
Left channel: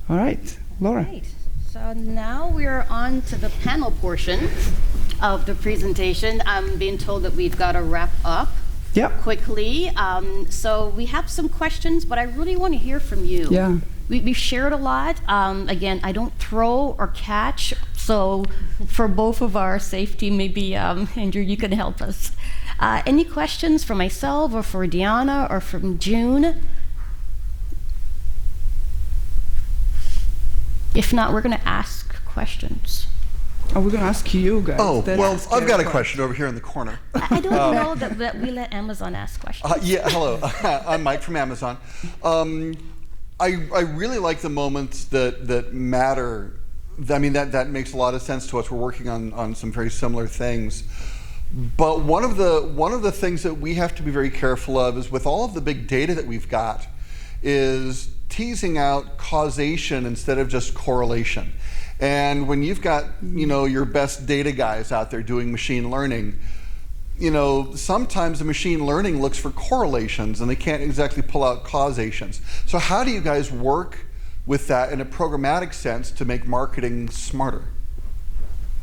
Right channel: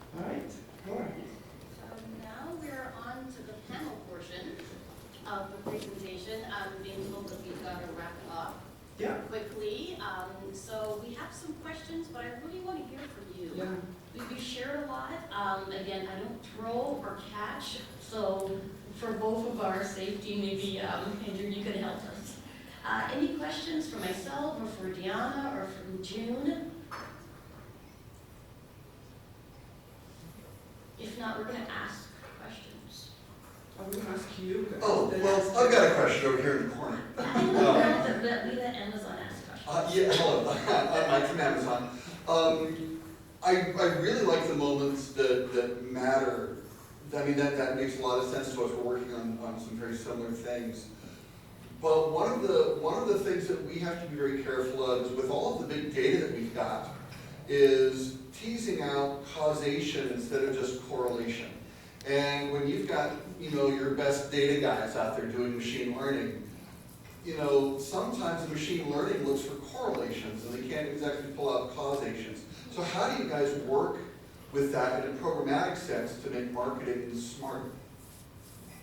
All right, Laura. Great. So now we're on to the panel portion of the presentation. I'm being told that we've got to wrap up quickly. So we have some questions, but I really want to hear from you. Yeah. We've shared a lot. Again, I don't throw or catch, so for both of our safety, maybe Andrew, you can help us. Any questions for myself or for Deanna or from June? If not, we're going to ask questions. Oh, we're going to ask you guys. Oh, Then well, ask I've got a you. question over here in the corner. I don't know that we let Amazon ask questions. Yeah, hello. I'm Mike from Amazon. I really like the moments that matter. I mean, that makes a lot of sense to us. We're working on some very similar things. But one of the things that we have to be very careful of is with all of the big data that we've got is teasing out causation instead of just correlation. And when you've got, your best data guys out there doing machine learning, sometimes the machine learning looks for correlations and they can't exactly pull out causations. So how do you guys work with that in a programmatic sense to make marketing smarter?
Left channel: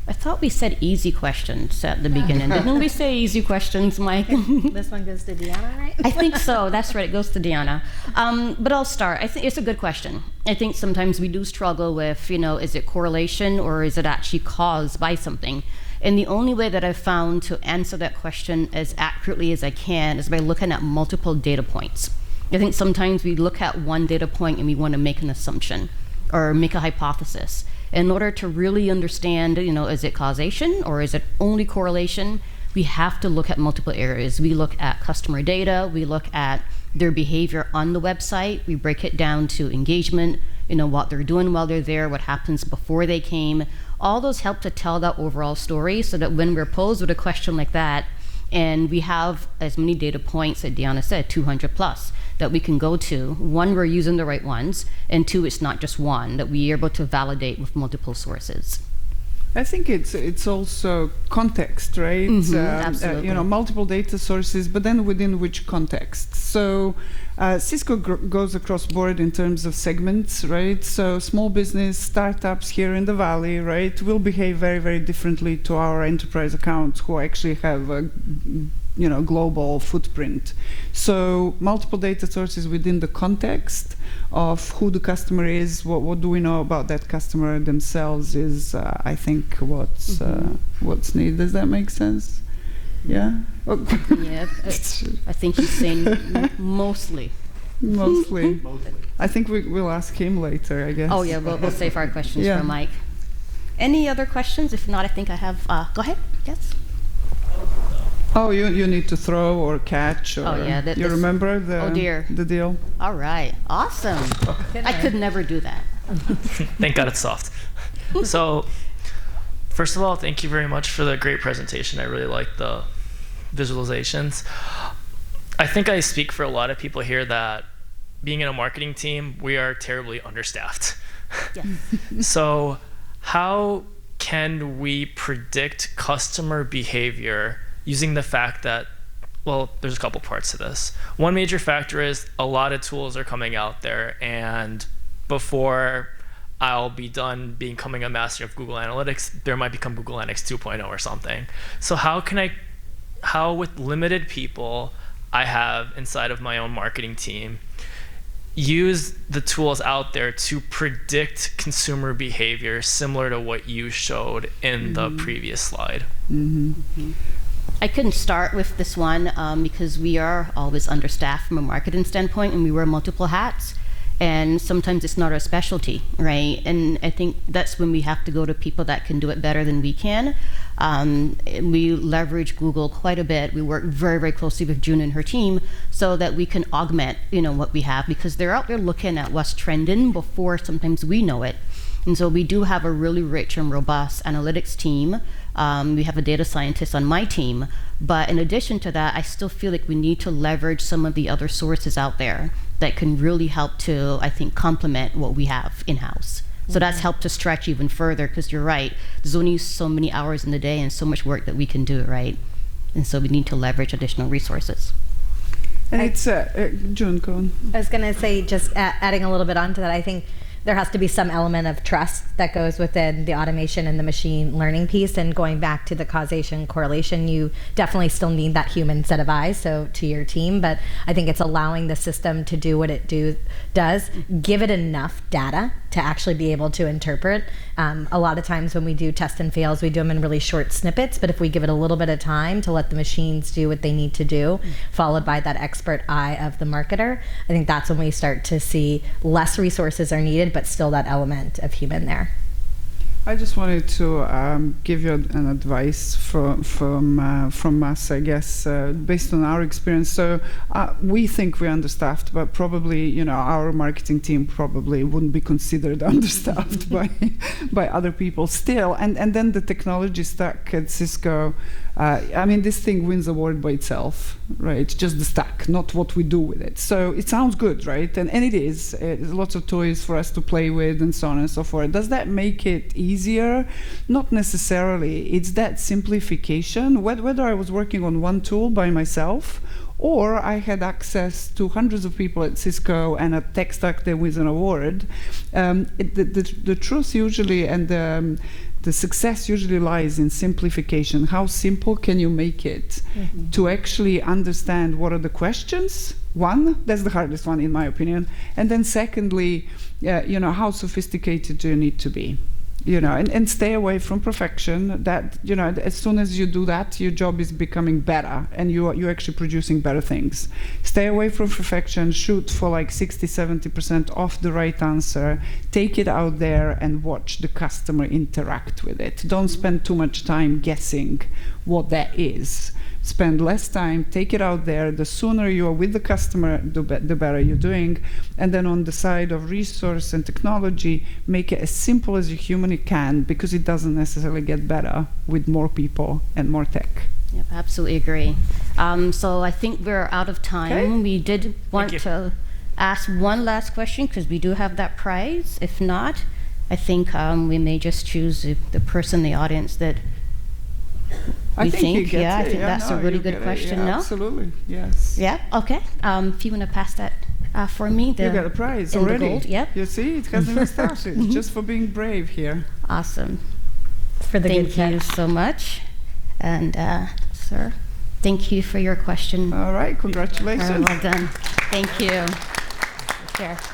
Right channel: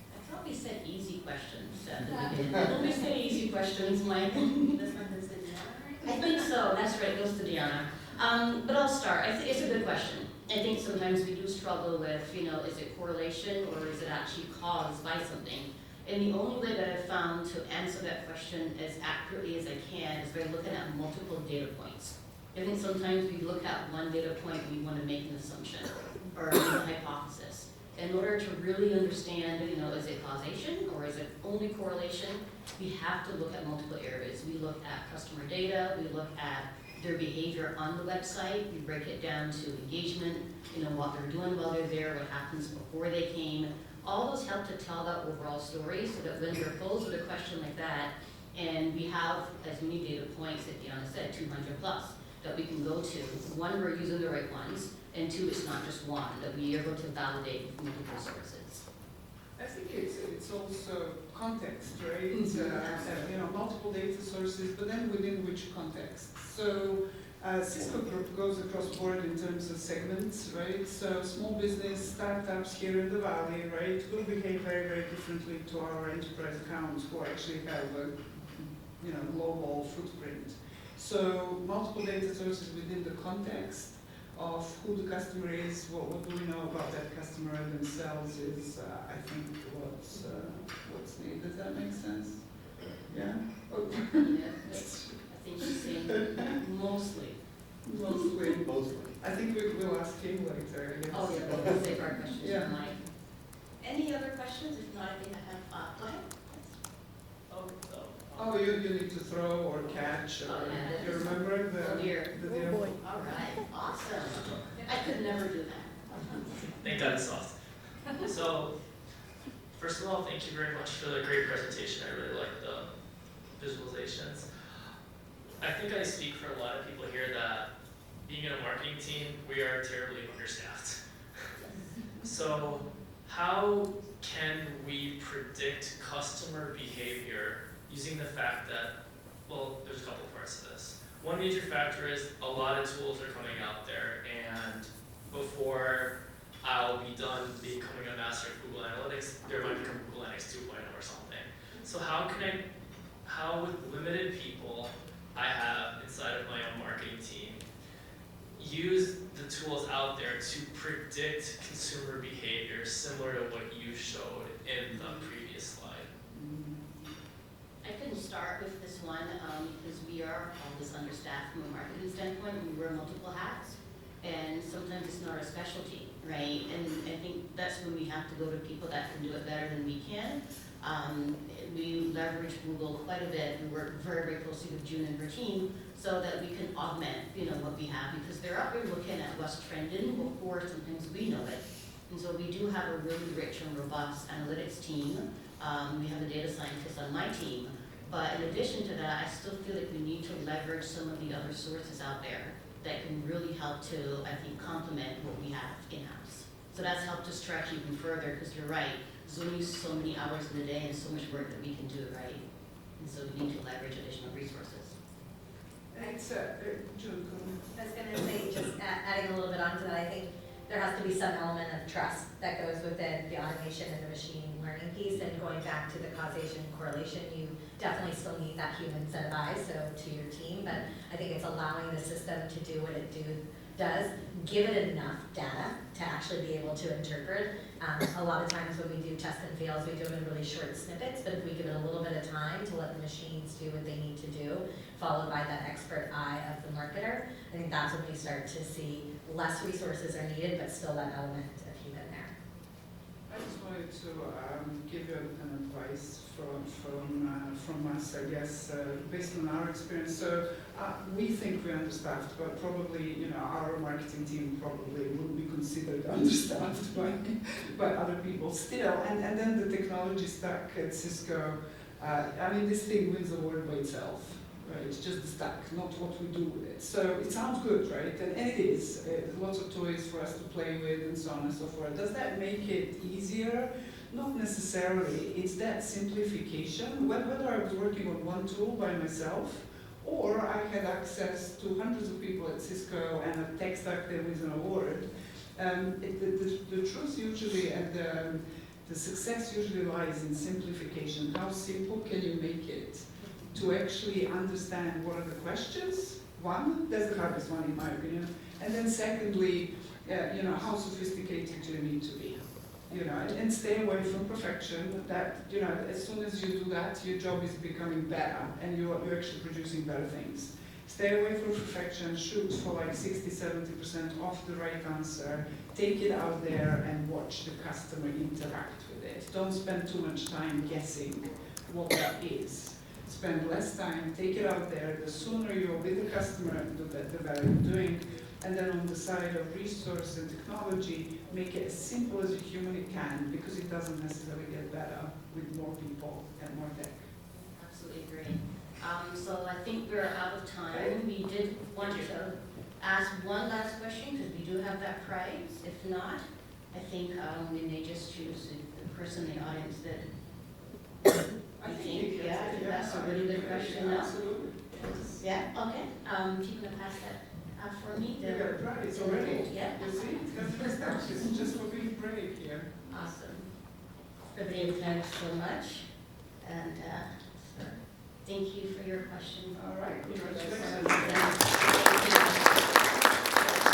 I thought we said easy questions at the beginning. Didn't we say easy questions, Mike? This one goes to Deanna, right? I think so. That's right. It goes to Deanna. But I'll start. I think it's a good question. I think sometimes we do struggle with, is it correlation or is it actually caused by something? And the only way that I've found to answer that question as accurately as I can is by looking at multiple data points. I think sometimes we look at one data point and we want to make an assumption or make a hypothesis. In order to really understand, is it causation or is it only correlation, we have to look at multiple areas. We look at customer data, we look at their behavior on the website, we break it down to engagement, what they're doing while they're there, what happens before they came. All those help to tell that overall story so that when we're posed with a question like that, and we have as many data points that Deanna said, 200 plus, that we can go to. One, we're using the right ones, and two, it's not just one, that we're able to validate with multiple sources. I think it's also context, right? Absolutely. Multiple data sources, but then within which context? So Cisco goes across board in terms of segments, right? So small business, startups here in the Valley, right, will behave very, very differently to our enterprise accounts who actually have a global footprint. So multiple data sources within the context of who the customer is, what do we know about that customer themselves is, I think, what's needed. Does that make sense? Yeah? Yeah, I think he's saying mostly. Mostly. I think we'll ask him later, I guess. Oh yeah, we'll save our questions for Mike. Any other questions? If not, I think I have, go ahead, yes? Oh, you need to throw or catch, or you remember the deal? All right, awesome. I could never do that. Thank God it's soft. So, first of all, thank you very much for the great presentation. I really like the visualizations. I think I speak for a lot of people here that being in a marketing team, we are terribly understaffed. Yes. So, how can we predict customer behavior using the fact that, well, there's a couple parts to this. One major factor is a lot of tools are coming out there, and before I'll be done becoming a master of Google Analytics, there might become Google Analytics 2.0 or something. So how with limited people I have inside of my own marketing team, use the tools out there to predict consumer behavior similar to what you showed in the previous slide. I couldn't start with this one because we are always understaffed from a marketing standpoint, and we wear multiple hats. And sometimes it's not our specialty, right? And I think that's when we have to go to people that can do it better than we can. We leverage Google quite a bit. We work very, very closely with June and her team so that we can augment, what we have, because they're out there looking at what's trending before sometimes we know it. And so we do have a really rich and robust analytics team. We have a data scientist on my team. But in addition to that, I still feel like we need to leverage some of the other sources out there that can really help to, I think, complement what we have in-house. So that's helped to stretch even further, because you're right, there's only so many hours in the day and so much work that we can do, right? And so we need to leverage additional resources. And it's June, go on. I was going to say, just adding a little bit onto that, I think there has to be some element of trust that goes within the automation and the machine learning piece. And going back to the causation correlation, you definitely still need that human set of eyes, so to your team. But I think it's allowing the system to do what it does, give it enough data to actually be able to interpret. A lot of times when we do test and fails, we do them in really short snippets, but if we give it a little bit of time to let the machines do what they need to do, followed by that expert eye of the marketer, I think that's when we start to see less resources are needed, but still that element of human there. I just wanted to give you an advice from us, I guess, based on our experience. So we think we're understaffed, but probably, our marketing team probably wouldn't be considered understaffed by other people still. And then the technology stack at Cisco, this thing wins award by itself, right? Just the stack, not what we do with it. So it sounds good, right? And it is. There's lots of toys for us to play with and so on and so forth. Does that make it easier? Not necessarily. It's that simplification. Whether I was working on one tool by myself, or I had access to hundreds of people at Cisco and a tech stack that wins an award, the truth usually and the success usually lies in simplification. How simple can you make it to actually understand what are the questions? One, that's the hardest one in my opinion. And then secondly, how sophisticated do you need to be? And stay away from perfection. That, as soon as you do that, your job is becoming better and you're actually producing better things. Stay away from perfection, shoot for like 60-70% off the right answer, take it out there and watch the customer interact with it. Don't spend too much time guessing what that is. Spend less time, take it out there. The sooner you are with the customer, the better you're doing. And then on the side of resource and technology, make it as simple as you humanly can, because it doesn't necessarily get better with more people and more tech. Yep, absolutely agree. So I think we're out of time. Okay. We did want to ask one last question, because we do have that prize. If not, I think we may just choose the person in the audience that I think that's a really good question. Yeah, no? Absolutely, yes. Yeah, okay. If you want to pass that for me. You got a prize in the already. gold, yep. You see, it hasn't even started, just for being brave here. Awesome. For the Thank good you catch. so much. And sir, thank you for your question. All right, congratulations. Well done. Thank you. Sure.